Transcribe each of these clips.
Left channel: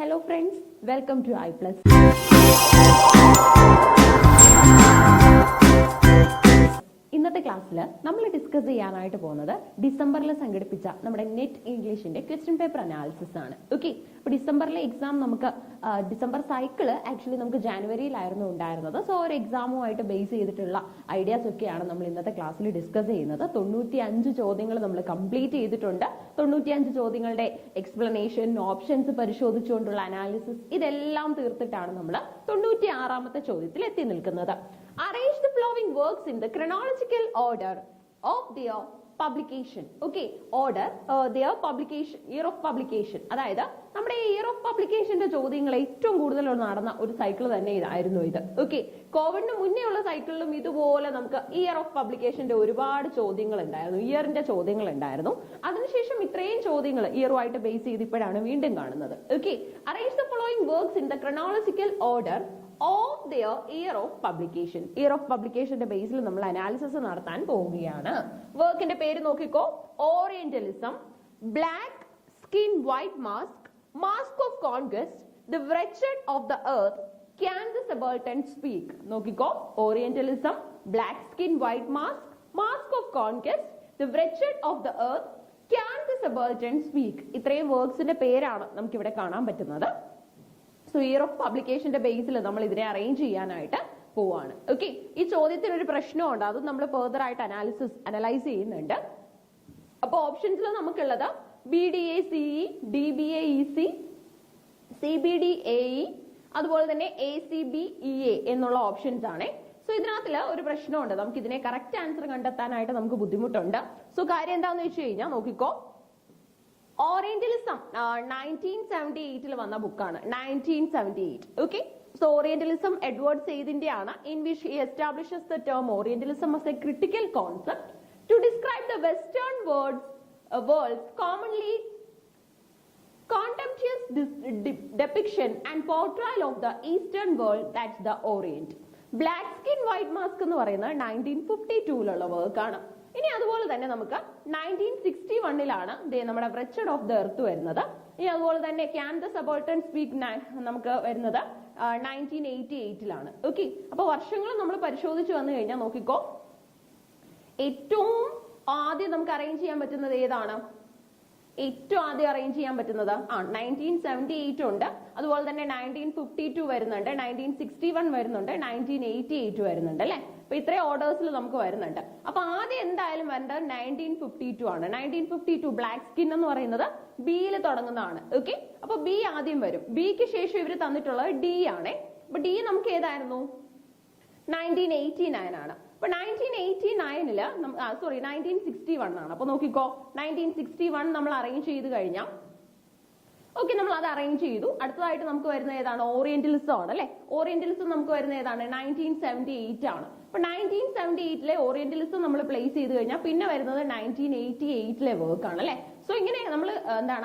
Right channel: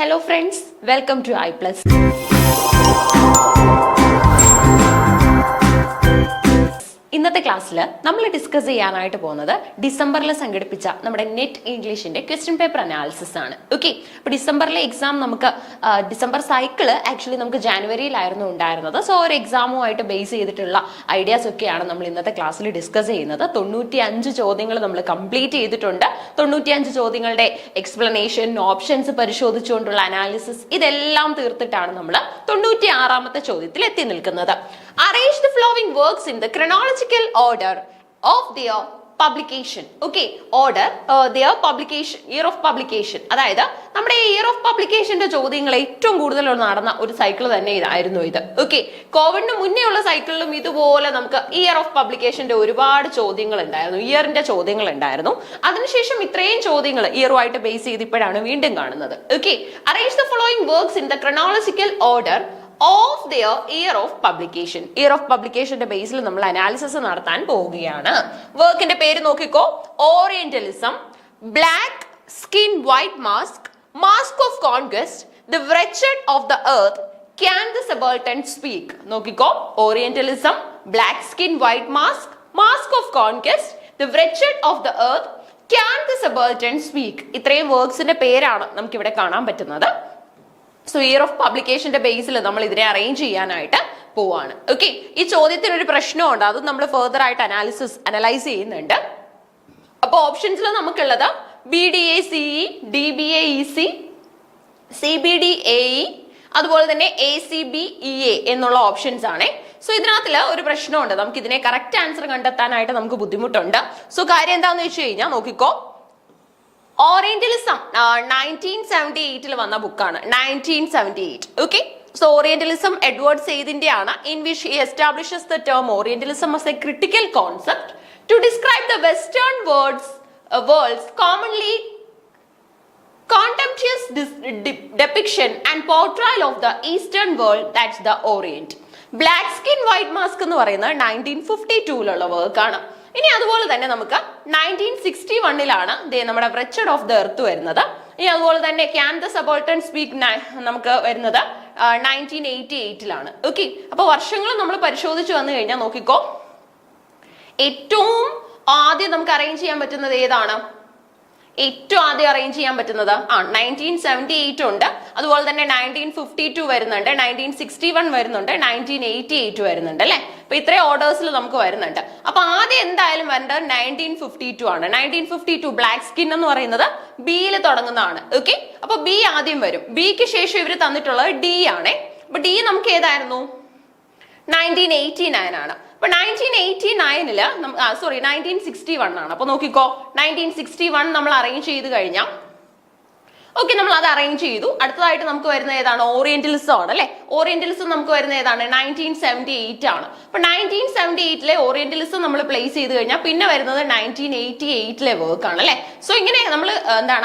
Hello friends, welcome to iPlus. ഇന്നത്തെ ക്ലാസ്സിൽ നമ്മൾ ഡിസ്കസ് ചെയ്യാനായിട്ട് പോകുന്നത് ഡിസംബറിൽ സംഘടിപ്പിച്ച നമ്മുടെ നെറ്റ് ഇംഗ്ലീഷിന്റെ ക്വസ്റ്റ്യൻ പേപ്പർ അനാലിസിസ് ആണ്. ഓക്കെ, അപ്പോൾ ഡിസംബറിലെ എക്സാം നമുക്ക് ഡിസംബർ സൈക്കിള് ആക്ച്വലി നമുക്ക് ജാനുവരിയിലായിരുന്നു ഉണ്ടായിരുന്നത്. സോ ഒരു എക്സാമുമായിട്ട് ബേസ് ചെയ്തിട്ടുള്ള ഐഡിയാസ് ഒക്കെയാണ് നമ്മൾ ഇന്നത്തെ ക്ലാസ്സിൽ ഡിസ്കസ് ചെയ്യുന്നത്. 95 ചോദ്യങ്ങൾ നമ്മൾ കംപ്ലീറ്റ് ചെയ്തിട്ടുണ്ട്. 95 ചോദ്യങ്ങളുടെ എക്സ്പ്ലനേഷൻ, ഓപ്ഷൻസ് പരിശോധിച്ചുകൊണ്ടുള്ള അനാലിസിസ് ഇതെല്ലാം തീർത്തിട്ടാണ് നമ്മൾ 96ാമത്തെ ചോദ്യത്തിൽ എത്തി നിൽക്കുന്നത്. Arrange the following works in the chronological order of their publication. Okay, order their publication, year of publication. അതായത് നമ്മുടെ ഇയർ ഓഫ് പബ്ലിക്കേഷന്റെ ചോദ്യങ്ങൾ ഏറ്റവും കൂടുതൽ നടന്ന ഒരു സൈക്കിൾ തന്നെ ഇതായിരുന്നു ഇത്. ഓക്കെ, കോവിഡിന് മുന്നേ ഉള്ള സൈക്കിളിലും ഇതുപോലെ നമുക്ക് ഇയർ ഓഫ് പബ്ലിക്കേഷന്റെ ഒരുപാട് ചോദ്യങ്ങൾ ഉണ്ടായിരുന്നു, ഇയറിന്റെ ചോദ്യങ്ങൾ ഉണ്ടായിരുന്നു. അതിനുശേഷം ഇത്രയും ചോദ്യങ്ങൾ ഇയറുമായിട്ട് ബേസ് ചെയ്ത് ഇപ്പോഴാണ് വീണ്ടും കാണുന്നത്. Okay, arrange the following works in the chronological order of their year of publication. Year of പബ്ലിക്കേഷന്റെ ബേസിൽ നമ്മൾ അനാലിസിസ് നടത്താൻ പോവുകയാണ്. വർക്കിന്റെ പേര് നോക്കിക്കോ: orientalism, black skin white mask, mask of conquest, the wretched of the earth, can the subaltern speak. നോക്കിക്കോ: orientalism, black skin white mask, mask of conquest, the wretched of the earth, can the subaltern speak. ഇത്രയും വർക്ക്സിന്റെ പേരാണ് നമുക്ക് ഇവിടെ കാണാൻ പറ്റുന്നത്. So year of പബ്ലിക്കേഷന്റെ ബേസിൽ നമ്മൾ ഇതിനെ അറേഞ്ച് ചെയ്യാനായിട്ട് പോവാണ്. ഓക്കെ, ഈ ചോദ്യത്തിന് ഒരു പ്രശ്നമുണ്ട്, അത് നമ്മൾ ഫെർദർ ആയിട്ട് അനലൈസ് ചെയ്യുന്നുണ്ട്. അപ്പോൾ ഓപ്ഷൻസിൽ നമുക്കുള്ളത് BDA-CE, DBA-EC, CBD-AE, അതുപോലെ തന്നെ ACB-EA എന്നുള്ള ഓപ്ഷൻസ് ആണ്. സോ ഇതിനകത്തില് ഒരു പ്രശ്നമുണ്ട്, നമുക്ക് ഇതിനെ കറക്റ്റ് ആൻസർ കണ്ടെത്താനായിട്ട് നമുക്ക് ബുദ്ധിമുട്ടുണ്ട്. സോ കാര്യം എന്താണെന്ന് വെച്ച് കഴിഞ്ഞാൽ നോക്കിക്കോ: ഓറിയന്റലിസം 1978 വന്ന ബുക്കാണ്, 1978. ഓക്കെ, സോ ഓറിയന്റലിസം എഡ്വേർഡ് സെയ്ദിന്റെ ആണ്. In which he establishes the term orientalism as a critical concept to describe the western world's commonly contemptuous depiction and portrayal of the eastern world, that's the orient. Black skin white mask എന്ന് പറയുന്നത് 1952 വർക്കാണ്. ഇനി അതുപോലെ തന്നെ നമുക്ക് 1961 നമ്മുടെ wretched of the earth വരുന്നത്. ഇനി അതുപോലെ തന്നെ ക്യാൻ ദ സബോൾട്ടൻ സ്പീക്ക് നമുക്ക് വരുന്നത് 1988. ഓക്കെ, അപ്പൊ വർഷങ്ങൾ നമ്മൾ പരിശോധിച്ച് വന്നു കഴിഞ്ഞാൽ നോക്കിക്കോ, ഏറ്റവും ആദ്യം നമുക്ക് അറേഞ്ച് ചെയ്യാൻ പറ്റുന്നത് ഏതാണ്? ഏറ്റവും ആദ്യം അറേഞ്ച് ചെയ്യാൻ പറ്റുന്നത് 1978 ഉണ്ട്, അതുപോലെ തന്നെ 1952 വരുന്നുണ്ട്, 1961 വരുന്നുണ്ട്, 1988 വരുന്നുണ്ട് അല്ലെ. അപ്പൊ ഇത്രയും ഓർഡേഴ്സിൽ നമുക്ക് വരുന്നുണ്ട്. അപ്പൊ ആദ്യം എന്തായാലും വരേണ്ടത് 1952 ആണ്. 1952 ബ്ലാക്ക് സ്കിൻ എന്ന് പറയുന്നത് ബിയിൽ തുടങ്ങുന്നതാണ്. ഓക്കെ, അപ്പൊ ബി ആദ്യം വരും. ബിക്ക് ശേഷം ഇവർ തന്നിട്ടുള്ളത് ഡി ആണ്. അപ്പൊ ഡി നമുക്ക് ഏതായിരുന്നു? 1989 ആണ്. അപ്പൊ 1989 1961 ആണ്. അപ്പൊ നോക്കിക്കോ, 1961 നമ്മൾ അറേഞ്ച് ചെയ്ത് കഴിഞ്ഞാൽ ഓക്കെ, നമ്മൾ അത് അറേഞ്ച് ചെയ്തു. അടുത്തതായിട്ട് നമുക്ക് വരുന്ന ഏതാണ്? ഓറിയന്റലിസം ആണ് അല്ലെ. ഓറിയന്റലിസം നമുക്ക് വരുന്ന ഏതാണ്? 1978 ആണ്. അപ്പൊ 1978 ഓറിയന്റലിസം നമ്മൾ പ്ലേസ് ചെയ്ത് കഴിഞ്ഞാൽ പിന്നെ വരുന്നത് 1988 വർക്ക് ആണ് അല്ലെ. സോ ഇങ്ങനെ നമ്മൾ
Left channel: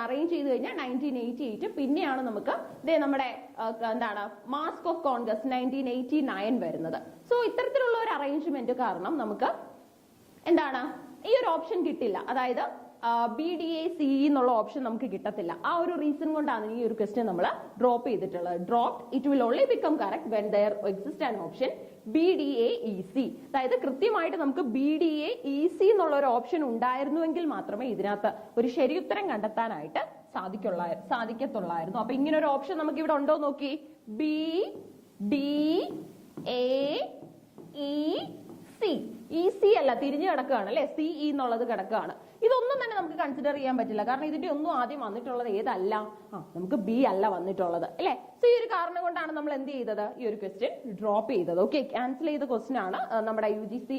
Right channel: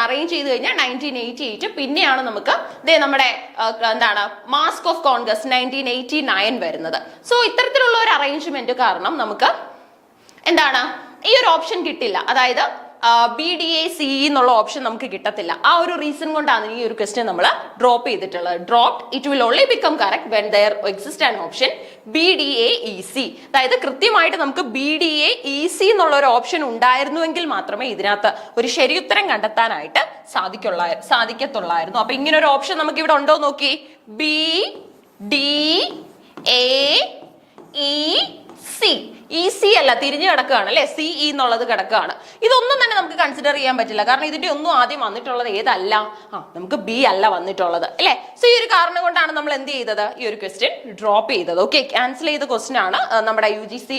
അറേഞ്ച് ചെയ്ത് കഴിഞ്ഞാൽ 1988 പിന്നെയാണ് നമുക്ക് നമ്മുടെ മാസ്ക് ഓഫ് കോൺഗ്രസ് 1989 വരുന്നത്. സോ ഇത്തരത്തിലുള്ള ഒരു അറേഞ്ച്മെന്റ് കാരണം നമുക്ക് ഈ ഒരു ഓപ്ഷൻ കിട്ടില്ല, അതായത് BDA-CE എന്നുള്ള ഓപ്ഷൻ നമുക്ക് കിട്ടത്തില്ല. ആ ഒരു റീസൺ കൊണ്ടാണ് ഈ ഒരു ക്വസ്റ്റ്യൻ നമ്മൾ ഡ്രോപ്പ് ചെയ്തിട്ടുള്ളത്. Dropped, it will only become correct when there exist an option BDA-EC. അതായത് കൃത്യമായിട്ട് നമുക്ക് BDA-EC എന്നുള്ള ഒരു ഓപ്ഷൻ ഉണ്ടായിരുന്നുവെങ്കിൽ മാത്രമേ ഇതിനകത്ത് ഒരു ശരിയുത്തരം കണ്ടെത്താനായിട്ട് സാധിക്കത്തുള്ളായിരുന്നു. അപ്പൊ ഇങ്ങനെ ഒരു ഓപ്ഷൻ നമുക്ക് ഇവിടെ ഉണ്ടോ നോക്കി. BDA-EC, EC അല്ല, തിരിഞ്ഞു കിടക്കുകയാണ് അല്ലെ, CE എന്നുള്ളത് കിടക്കുകയാണ്. ഇതൊന്നും തന്നെ നമുക്ക് കൺസിഡർ ചെയ്യാൻ പറ്റില്ല, കാരണം ഇതിന്റെ ഒന്നും ആദ്യം വന്നിട്ടുള്ളത് ഏതല്ല, നമുക്ക് ബി അല്ല വന്നിട്ടുള്ളത് അല്ലെ. സോ ഈ ഒരു കാരണം കൊണ്ടാണ് നമ്മൾ എന്ത് ചെയ്തത്, ഈ ഒരു ക്വസ്റ്റ്യൻ ഡ്രോപ്പ് ചെയ്തത്. ഓക്കെ, ക്യാൻസൽ ചെയ്ത ക്വസ്റ്റ്യൻ ആണ്. നമ്മുടെ UGC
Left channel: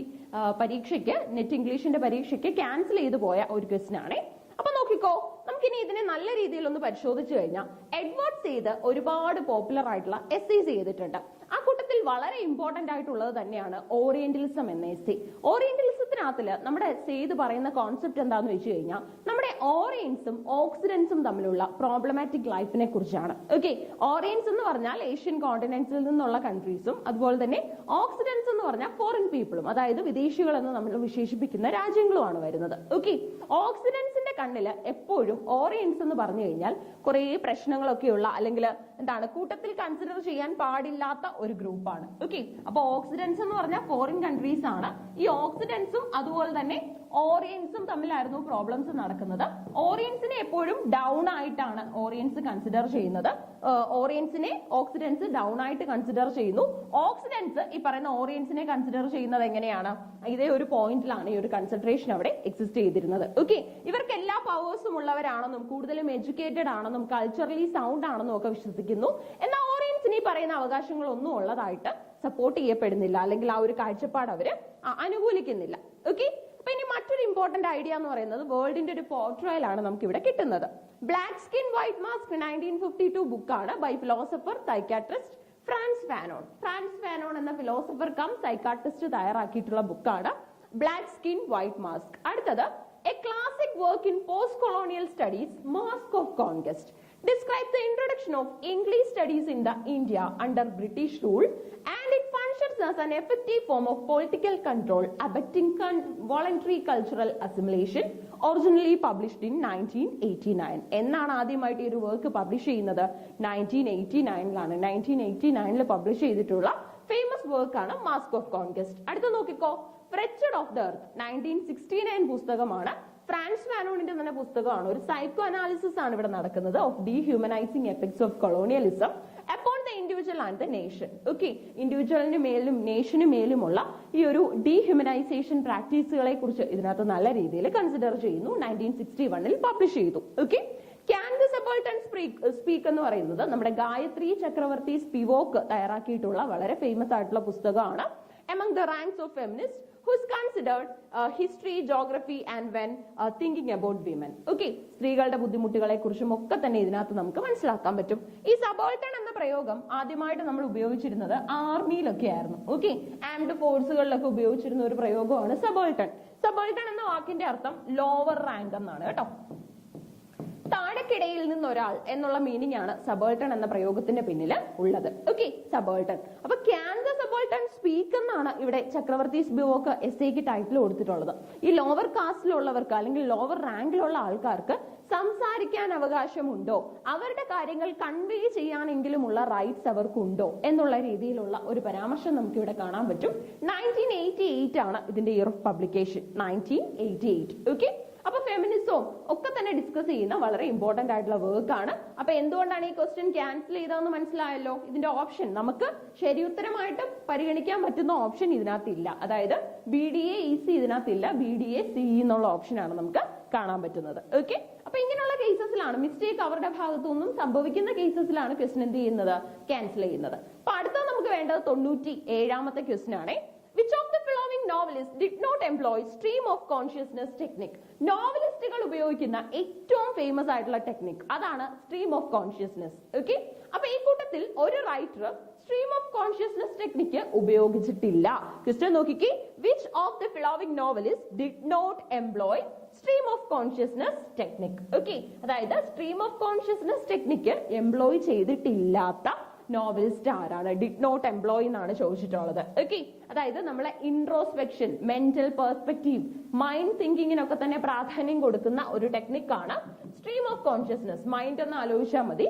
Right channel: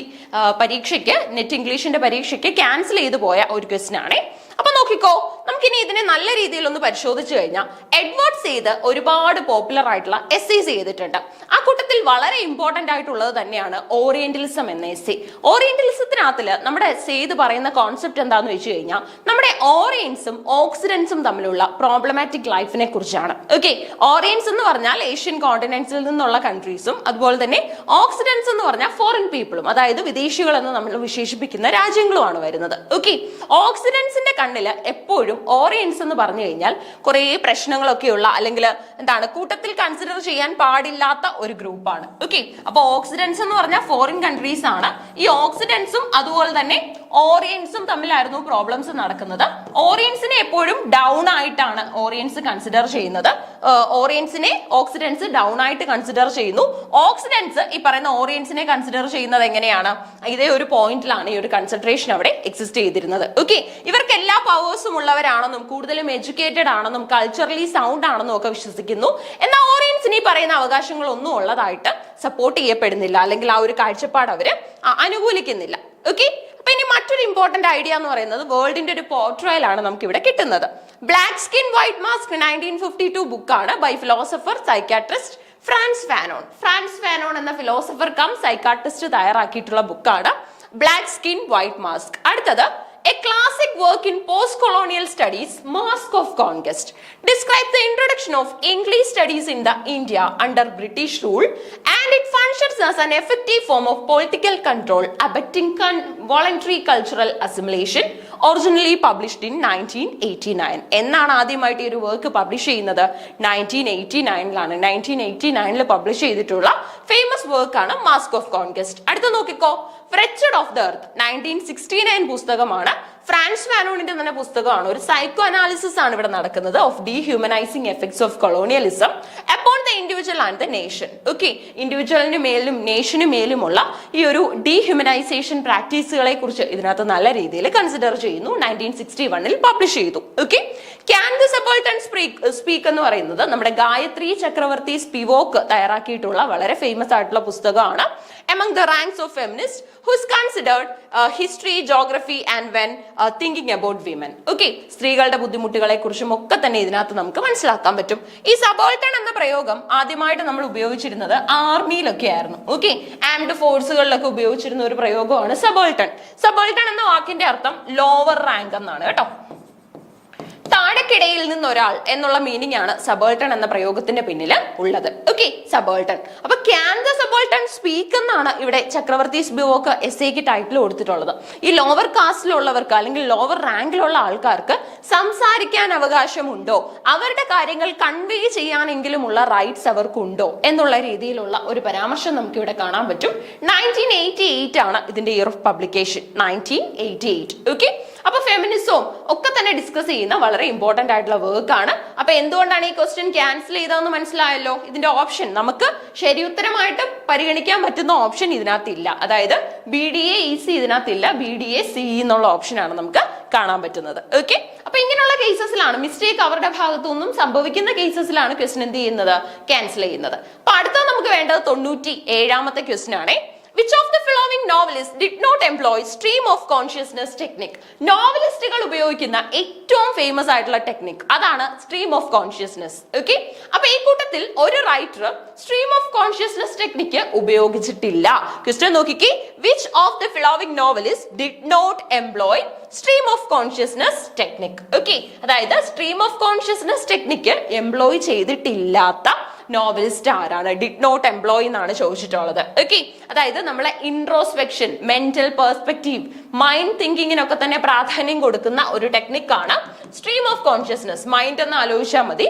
പരീക്ഷയ്ക്ക്, നെറ്റ് ഇംഗ്ലീഷിന്റെ പരീക്ഷയ്ക്ക് ക്യാൻസൽ ചെയ്ത് പോയ ഒരു ക്വസ്റ്റ്യൻ ആണ്. അപ്പൊ നോക്കിക്കോ, നമുക്കിനി ഇതിനെ നല്ല രീതിയിൽ ഒന്ന് പരിശോധിച്ചു കഴിഞ്ഞാൽ എഡ്വേർഡ് സെയ്ദ് ഒരുപാട് പോപ്പുലർ ആയിട്ടുള്ള എസ്സേസ് ചെയ്തിട്ടുണ്ട്. ആ കൂട്ടത്തിൽ വളരെ ഇമ്പോർട്ടന്റ് ആയിട്ടുള്ളത് തന്നെയാണ് ഓറിയന്റലിസം എന്ന എസ്സേ. ഓറിയന്റലിസത്തിനകത്തില് നമ്മുടെ സെയ്ദ് പറയുന്ന കോൺസെപ്റ്റ് എന്താന്ന് വെച്ച് കഴിഞ്ഞാൽ നമ്മുടെ ഓറിയൻസും ഓക്സിഡൻസും തമ്മിലുള്ള പ്രോബ്ലമാറ്റിക് ലൈഫിനെ കുറിച്ചാണ്. ഓക്കെ, ഓറിയൻസ് എന്ന് പറഞ്ഞാൽ ഏഷ്യൻ കോണ്ടിനെന്റ്സിൽ നിന്നുള്ള കൺട്രീസും, അതുപോലെ തന്നെ ഓക്സിഡൻസ് എന്ന് പറഞ്ഞാൽ ഫോറിൻ പീപ്പിളും, അതായത് വിദേശികൾ എന്ന് നമ്മൾ വിശേഷിപ്പിക്കുന്ന രാജ്യങ്ങളുമാണ് വരുന്നത്. ഓക്കെ, ഓക്സിഡൻസിന്റെ കണ്ണില് എപ്പോഴും എപ്പോഴും ഓറിയൻസ് എന്ന് പറഞ്ഞു കഴിഞ്ഞാൽ കുറെ പ്രശ്നങ്ങളൊക്കെയുള്ള അല്ലെങ്കിൽ എന്താണ് കൂട്ടത്തിൽ കൺസിഡർ ചെയ്യാൻ പാടില്ലാത്ത ഒരു ഗ്രൂപ്പാണ്. ഓക്കെ, അപ്പൊ ഓക്സിഡൻസ് എന്ന് പറഞ്ഞാൽ ഫോറിൻ കൺട്രീസ് ആണ്. ഈ ഓക്സിഡൻസും അതുപോലെ തന്നെ ഓറിയൻസും തമ്മിലായിരുന്നു പ്രോബ്ലംസ് നടക്കുന്നത്. ഓറിയൻസിനെ എപ്പോഴും ഡൗൺ ആയിട്ടാണ് ഓറിയൻസ് കൺസിഡർ ചെയ്യുന്നത്. ഓറിയൻസിനെ ഓക്സിഡൻസ് ഡൗൺ ആയിട്ട് കൺസിഡർ ചെയ്യുന്നു. ഓക്സിഡൻസ് ഈ പറയുന്ന ഓറിയൻസിനെ കൺസിഡർ ചെയ്യുന്നത് എങ്ങനെയാണ്? ഇതേ ഒരു പോയിന്റിലാണ് ഈ ഒരു കൺസെൻട്രേഷൻ അവിടെ എക്സിസ്റ്റ് ചെയ്തിരുന്നത്. ഓക്കെ, ഇവർക്ക് എല്ലാ പവേഴ്സും ഉള്ളവരാണെന്നും കൂടുതലും എഡ്യൂക്കേറ്റഡ് ആണെന്നും കൾച്ചറലി സൗണ്ട് ആണെന്നും ഒക്കെ വിശ്വസിക്കുന്നു. എന്നാൽ ഓറിയൻസിന് ഈ പറയുന്ന അവകാശങ്ങളൊന്നും ഉള്ളതായിട്ട് സപ്പോർട്ട് ചെയ്യപ്പെടുന്നില്ല, അല്ലെങ്കിൽ ആ ഒരു കാഴ്ചപ്പാട് അവര് അനുകൂലിക്കുന്നില്ല. ഓക്കെ, അപ്പൊ ഇനി മറ്റൊരു ഇമ്പോർട്ടന്റ് ഐഡിയ എന്ന് പറയുന്നത് വേൾഡിന്റെ ഒരു പോർട്രയൽ ആണ് നമുക്ക് ഇവിടെ കിട്ടുന്നത്. ബ്ലാക്ക് സ്കിൻ വൈറ്റ് മാസ്ക് 1952 ബുക്കാണ് by philosopher psychiatrist Frantz Fanon. Frantz Fanon എന്ന ഫിലോസഫർ കം സൈക്കാട്രിസ്റ്റ് തയ്യാറാക്കിയിട്ടുള്ള ബുക്കാണ് ബ്ലാക്ക് സ്കിൻ വൈറ്റ് മാസ്ക്. അടുത്തത് A classic work in post-colonial studies, Mask of Conquest, describes the introduction of English studies in the India under British rule, and it functions as an effective form of political control, abetting voluntary cultural assimilation. Originally published in 1989. എന്നാണ് ആദ്യമായിട്ട് ഈ ഒരു work publish ചെയ്യുന്നത്? 1989ലാണ്. 1989ൽ publish ചെയ്തിട്ടുള്ള famous work ആണ് mask of conquest. അടുത്ത നോക്കിക്കോ, Wretched of the Earth 1969 പുസ്തകമാണ്. ഫ്രാൻസ് ഫാനോണിന്റെ തന്നെ പുസ്തകമാണ്. ഒരു സൈക്കോ അനാലിസിസ് ആണ് ഇവിടെ നടക്കുന്നത് of dehumanising effects of colonialism upon the individual and the nation. Okay, ഇൻഡിവിജ്വലിന് മേലും നേഷന് മേലുമുള്ള ഈ ഒരു ഡീഹ്യൂമനൈസേഷൻ പ്രാക്ടീസുകളെ കുറിച്ച് ഇതിനകത്ത് നല്ല രീതിയിൽ കൺസിഡർ ചെയ്യുന്നു. 1961ൽ പബ്ലിഷ് ചെയ്തു. ഓക്കെ, ക്യാൻ ദി സബോൾട്ടൺ സ്പീക്ക് എന്ന് പറയുന്നത് നമ്മുടെ ഗായത്രി ചക്രവർത്തി സ്പിവോക്ക് തയ്യാറാക്കിയിട്ടുള്ള വളരെ ഫേമസ് ആയിട്ടുള്ള പുസ്തകമാണ്. Among the ranks of feminists who is considered history, geography and when thinking about women. Okay, സ്ത്രീകളുടെ ബുദ്ധിമുട്ടുകളെ കുറിച്ചും ഒക്കെ തന്നെ ഇതിനകത്ത് നമുക്ക് മനസ്സിലാക്കാൻ പറ്റും. ഈ സബോൾട്ടൺ എന്ന പ്രയോഗം ആദ്യമായിട്ട് നമ്മൾ ഉപയോഗിച്ചിരുന്നത് ആർമിയിലൊക്കെ ആയിരുന്നു. ഓക്കെ, ആംഡ് ഫോഴ്സുകളിലൊക്കെ ഉപയോഗിച്ചിരുന്ന ഒരു പ്രയോഗമാണ് സബോൾട്ടൺ. സബോൾട്ടൺ എന്ന വാക്കിന്റെ അർത്ഥം ലോവർ റാങ്ക് എന്നാണ് കേട്ടോ. താഴെക്കിടയിൽ നിന്ന് ഒരാൾ എന്നുള്ള മീനിങ് ആണ് സബോൾട്ടൺ എന്ന പ്രയോഗത്തിന്റെ പിന്നിൽ ഉള്ളത്. ഓക്കെ, സബോൾട്ടൺ. അപ്പൊ ക്യാൻ ദ സബോൾട്ടൺ സ്പീക്ക് എന്നാണ് ഇവിടെ ചക്രവർത്തി സ്പിവോക്ക് എസ്സേക്ക് ടൈറ്റിൽ കൊടുത്തിട്ടുള്ളത്. ഈ ലോവർ കാസ്റ്റിലുള്ളവർക്ക് അല്ലെങ്കിൽ ലോവർ റാങ്കിലുള്ള ആൾക്കാർക്ക് സംസാരിക്കാൻ അവകാശമുണ്ടോ, അവരുടെ കാര്യങ്ങൾ കൺവേ ചെയ്യാനെങ്കിലുമുള്ള റൈറ്റ്സ് അവർക്കുണ്ടോ എന്നുള്ള രീതിയിലുള്ള ഒരു പരാമർശം നമുക്ക് ഇവിടെ കാണാൻ പറ്റും. 1988 ആണ് ഇതിന്റെ ഇയർ ഓഫ് പബ്ലിക്കേഷൻ. 1988. ഓക്കെ, അപ്പൊ ഫെമിനിസവും ഒക്കെ തന്നെ ഡിസ്കസ് ചെയ്യുന്ന വളരെ ഇമ്പോർട്ടന്റ് ആയിട്ടുള്ള വർക്ക് ആണ്. അപ്പൊ എന്തുകൊണ്ടാണ് ഈ ക്വസ്റ്റ്യൻ ക്യാൻസൽ ചെയ്തതെന്ന് മനസ്സിലായല്ലോ. ഇതിന്റെ ഓപ്ഷൻ നമുക്ക് ശരിയുത്തരമായിട്ട് പരിഗണിക്കാൻ പറ്റുന്ന ഓപ്ഷൻ ഇതിനകത്തില്ല. അതായത് BDA EC ഇതിനകത്തില്ല, BDA CE എന്നുള്ള ഓപ്ഷനാണ് നമുക്ക് കാണാൻ പറ്റുന്നത്. ഓക്കെ, അപ്പൊ ഇങ്ങനെയുള്ള കേസസിലാണ് മിസ്റ്റേക്ക് അവരുടെ ഭാഗത്തു നിന്നും സംഭവിക്കുന്ന കേസസിലാണ് ക്വസ്റ്റ്യൻ എന്ത് ചെയ്യുന്നത്, ക്യാൻസൽ ചെയ്യുന്നത്. അപ്പൊ അടുത്ത നമുക്ക് വേണ്ടത് 97ാമത്തെ ക്വസ്റ്റ്യൻ ആണ്. Which of the following novelists did not employ stream of consciousness technique? നോവലിസ്റ്റുകൾ ഉപയോഗിക്കുന്ന ഏറ്റവും ഫേമസ് ആയിട്ടുള്ള ടെക്നിക് അതാണ് സ്ട്രീം ഓഫ് കോൺഷ്യസ്നസ്. ഓക്കെ, അപ്പൊ ഈ കൂട്ടത്തിൽ ഒരു writer stream of consciousness technique ഉപയോഗിച്ചിട്ടില്ല. ക്വസ്റ്റ്യൻ നോക്കിക്കേ, which of the following novelists did not employ stream of consciousness technique? Okay, അതായത് stream of consciousness technique employ ചെയ്തിട്ടില്ലാത്ത നോവലിസ്റ്റ് ആരാണ്? ഡിഡ് നോട്ട് എംപ്ലോയ് എന്നാണ് ചോദിച്ചിട്ടുള്ളത്. ഓക്കെ, അതായത് നമ്മളെ ഇൻട്രോസ്പെക്ഷൻ, മെന്റൽ പെർസ്പെക്റ്റീവ്, മൈൻഡ് തിങ്കിങ്ങിനൊക്കെ തന്നെ പ്രാധാന്യം കൊടുക്കുന്ന ഒരു ടെക്നിക്കാണ് സ്ട്രീം ഓഫ് കോൺഷ്യസ്നസ്. മൈൻഡ് എന്ന് ആലോചിച്ചാൽ മതി.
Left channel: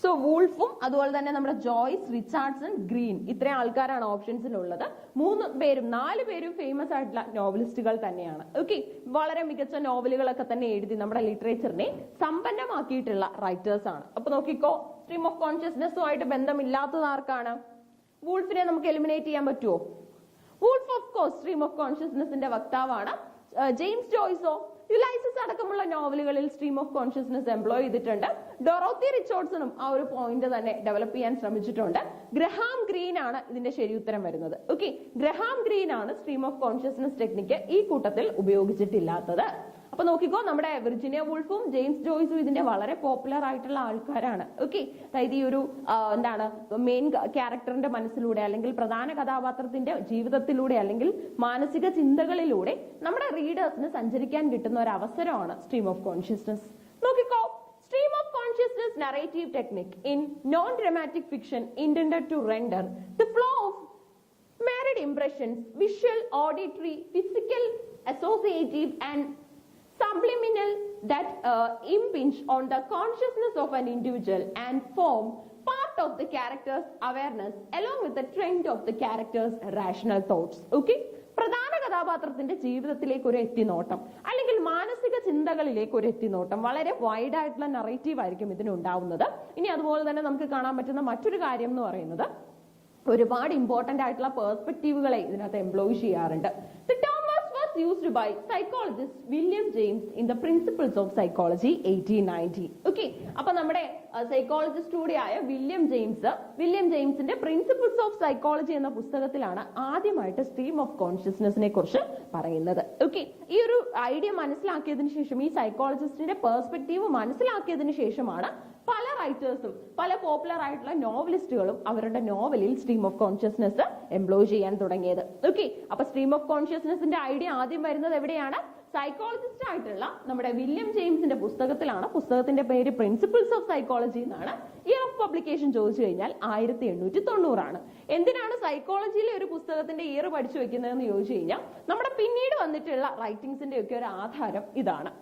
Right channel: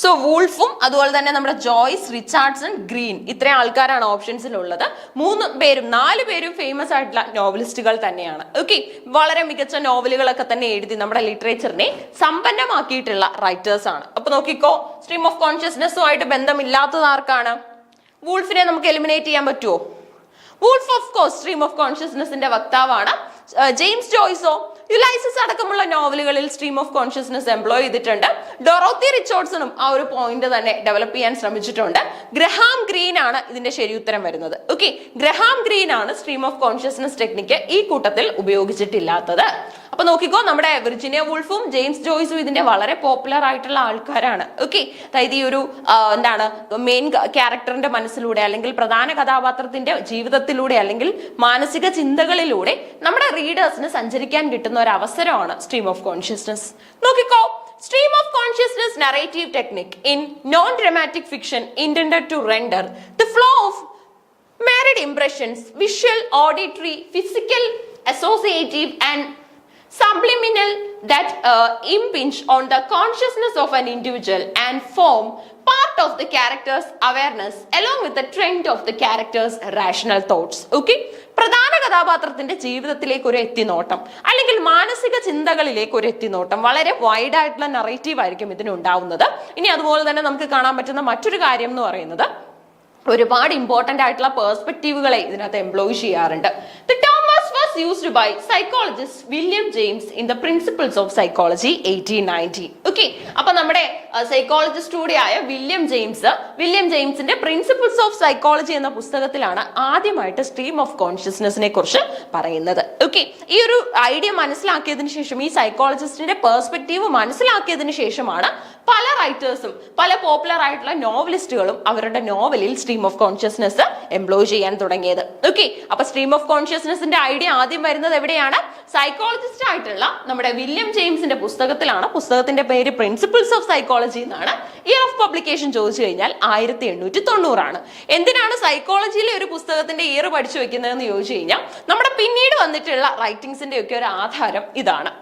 സോ വൂൾഫും അതുപോലെ തന്നെ നമ്മുടെ ജോയ്സ്, റിച്ചാർഡ്സൺ, ഗ്രീൻ, ഇത്രയും ആൾക്കാരാണ് ഓപ്ഷൻസിലുള്ളത്. 4 പേരും ഫേമസ് ആയിട്ടുള്ള നോവലിസ്റ്റുകൾ തന്നെയാണ്. ഓക്കെ, വളരെ മികച്ച നോവലുകളൊക്കെ തന്നെ എഴുതി നമ്മുടെ ലിറ്ററേച്ചറിനെ സമ്പന്നമാക്കിയിട്ടുള്ള റൈറ്റേഴ്സ് ആണ്. അപ്പൊ നോക്കിക്കോ, സ്ട്രീം ഓഫ് കോൺഷ്യസ്നസ്സുമായിട്ട് ബന്ധമില്ലാത്തത് ആർക്കാണ്? വൂൾഫിനെ നമുക്ക് എലിമിനേറ്റ് ചെയ്യാൻ പറ്റുമോ? Woolf of course stream of കോൺഷ്യസ്നസിന്റെ വക്താവാണ്. ജെയിംസ് ജോയ്സോ? യുലൈസിസ് അടക്കമുള്ള നോവലുകളിൽ സ്ട്രീം ഓഫ് കോൺഷ്യസ്നസ് എംപ്ലോയ് ചെയ്തിട്ടുണ്ട്. ഡൊറോത്തി റിച്ചാർഡ്സണും ആ ഒരു പോയിന്റ് തന്നെ ഡെവലപ്പ് ചെയ്യാൻ ശ്രമിച്ചിട്ടുണ്ട്. ഗ്രഹാം ഗ്രീൻ ആണ് ഇതിന്റെ ശരി ഉത്തരം വരുന്നത്. ഓക്കെ, ഗ്രഹാം ഗ്രീൻ ആണ് സ്ട്രീം ഓഫ് കോൺഷ്യസ്നസ് ടെക്നിക്ക് ഈ കൂട്ടത്തിൽ ഉപയോഗിച്ചിട്ടില്ലാത്തത്. അപ്പൊ നോക്കിക്കോ, നമ്മുടെ വിർജിനിയ വൂൾഫും ജെയിംസ് ജോയ്സും ഇതിന്റെ വളരെ പോപ്പുലർ ആയിട്ടുള്ള ആൾക്കാരാണ്. ഓക്കെ, അതായത് ഈ ഒരു എന്താണ് മെയിൻ ക്യാരക്ടറിന്റെ മനസ്സിലൂടെ അല്ലെങ്കിൽ പ്രധാന കഥാപാത്രത്തിന്റെ ജീവിതത്തിലൂടെ അല്ലെങ്കിൽ മാനസിക ചിന്തകളിലൂടെ നമ്മുടെ റീഡേഴ്സിന് സഞ്ചരിക്കാൻ കിട്ടുന്ന ഒരു അവസരമാണ് സ്ട്രീം ഓഫ് കോൺഷ്യസ്നസ്. നോക്കിക്കോ, stream of consciousness narrative technique in non-dramatic fiction intended to render the flow of married impressions, visual, auditory, physical, associative and subliminal that impinge on the consciousness of an individual and form part of the character's awareness along with the trend of the character's rational thoughts. Okay, പ്രധാന കഥാപാത്രത്തിന്റെ ജീവിതത്തിലേക്ക് ഒരു എത്തിനോട്ടം അല്ലെങ്കിൽ മാനസിക ചിന്തകളിലേക്ക് ഒരു എത്തിനോട്ടം. വളരെ wide ആയിട്ടുള്ള narrative ആയിരിക്കും ഇതിനുണ്ടാവുന്നത്. ഇനി അതുപോലെ തന്നെ നമുക്ക് കാണാൻ പറ്റുന്ന മറ്റൊരു കാര്യം എന്ന് പറയുന്നത് ഒരുപാട് ഇമ്പോർട്ടന്റ് ആയിട്ടുള്ള പേഴ്സ്പെക്റ്റീവുകളെ ഇതിനകത്ത് എംപ്ലോയ് ചെയ്യാറുണ്ട്. The term was first used by psychologist William James in the Principles of Psychology 1890. Okay, അപ്പൊ നമ്മുടെ സൈക്കോളജിസ്റ്റ് കൂടിയായ വില്യം ജെയിംസിന്റെ പ്രിൻസിപ്പിൾസ് ഓഫ് സൈക്കോളജി എന്ന പുസ്തകത്തിലാണ് ആദ്യമായിട്ട് സ്ട്രീം ഓഫ് കോൺഷ്യസ്നെസ്സിനെ കുറിച്ച് പറയുന്നത്. ഓക്കെ, ഈ ഒരു ഐഡിയ മനസ്സിലാക്കിയതിനു ശേഷം, ഈ സൈക്കോളജിസ്റ്റിന്റെ പേഴ്സ്പെക്റ്റീവ് മനസ്സിലാക്കിയതിനു ശേഷമാണ് പല റൈറ്റേഴ്സും പല പോപ്പുലർ ആയിട്ടുള്ള നോവലിസ്റ്റുകളും അവരുടെ നോവലിൽ സ്ട്രീം ഓഫ് കോൺഷ്യസ്നെസ് എംപ്ലോയ് ചെയ്യാൻ തുടങ്ങിയത്. ഓക്കെ, അപ്പൊ സ്ട്രീം ഓഫ് കോൺഷ്യസ്നെസ്സിന്റെ ഐഡിയ ആദ്യം വരുന്നത് എവിടെയാണ്? സൈക്കോളജിസ്റ്റ് ആയിട്ടുള്ള നമ്മുടെ വില്യം ജെയിംസിന്റെ പുസ്തകത്തിലാണ്. പുസ്തകത്തിന്റെ പേര് പ്രിൻസിപ്പിൾസ് ഓഫ് സൈക്കോളജി എന്നാണ്. ഇയർ ഓഫ് പബ്ലിക്കേഷൻ ചോദിച്ചു കഴിഞ്ഞാൽ 1890 എന്തിനാണ് സൈക്കോളജിയിലെ ഒരു പുസ്തകത്തിന്റെ ഇയർ പഠിച്ചു വെക്കുന്നതെന്ന് ചോദിച്ചു കഴിഞ്ഞാൽ നമ്മുടെ പിന്നീട് വന്നിട്ടുള്ള റൈറ്റിംഗ്സിന്റെ ഒക്കെ ഒരു ആധാരം ഇതാണ്.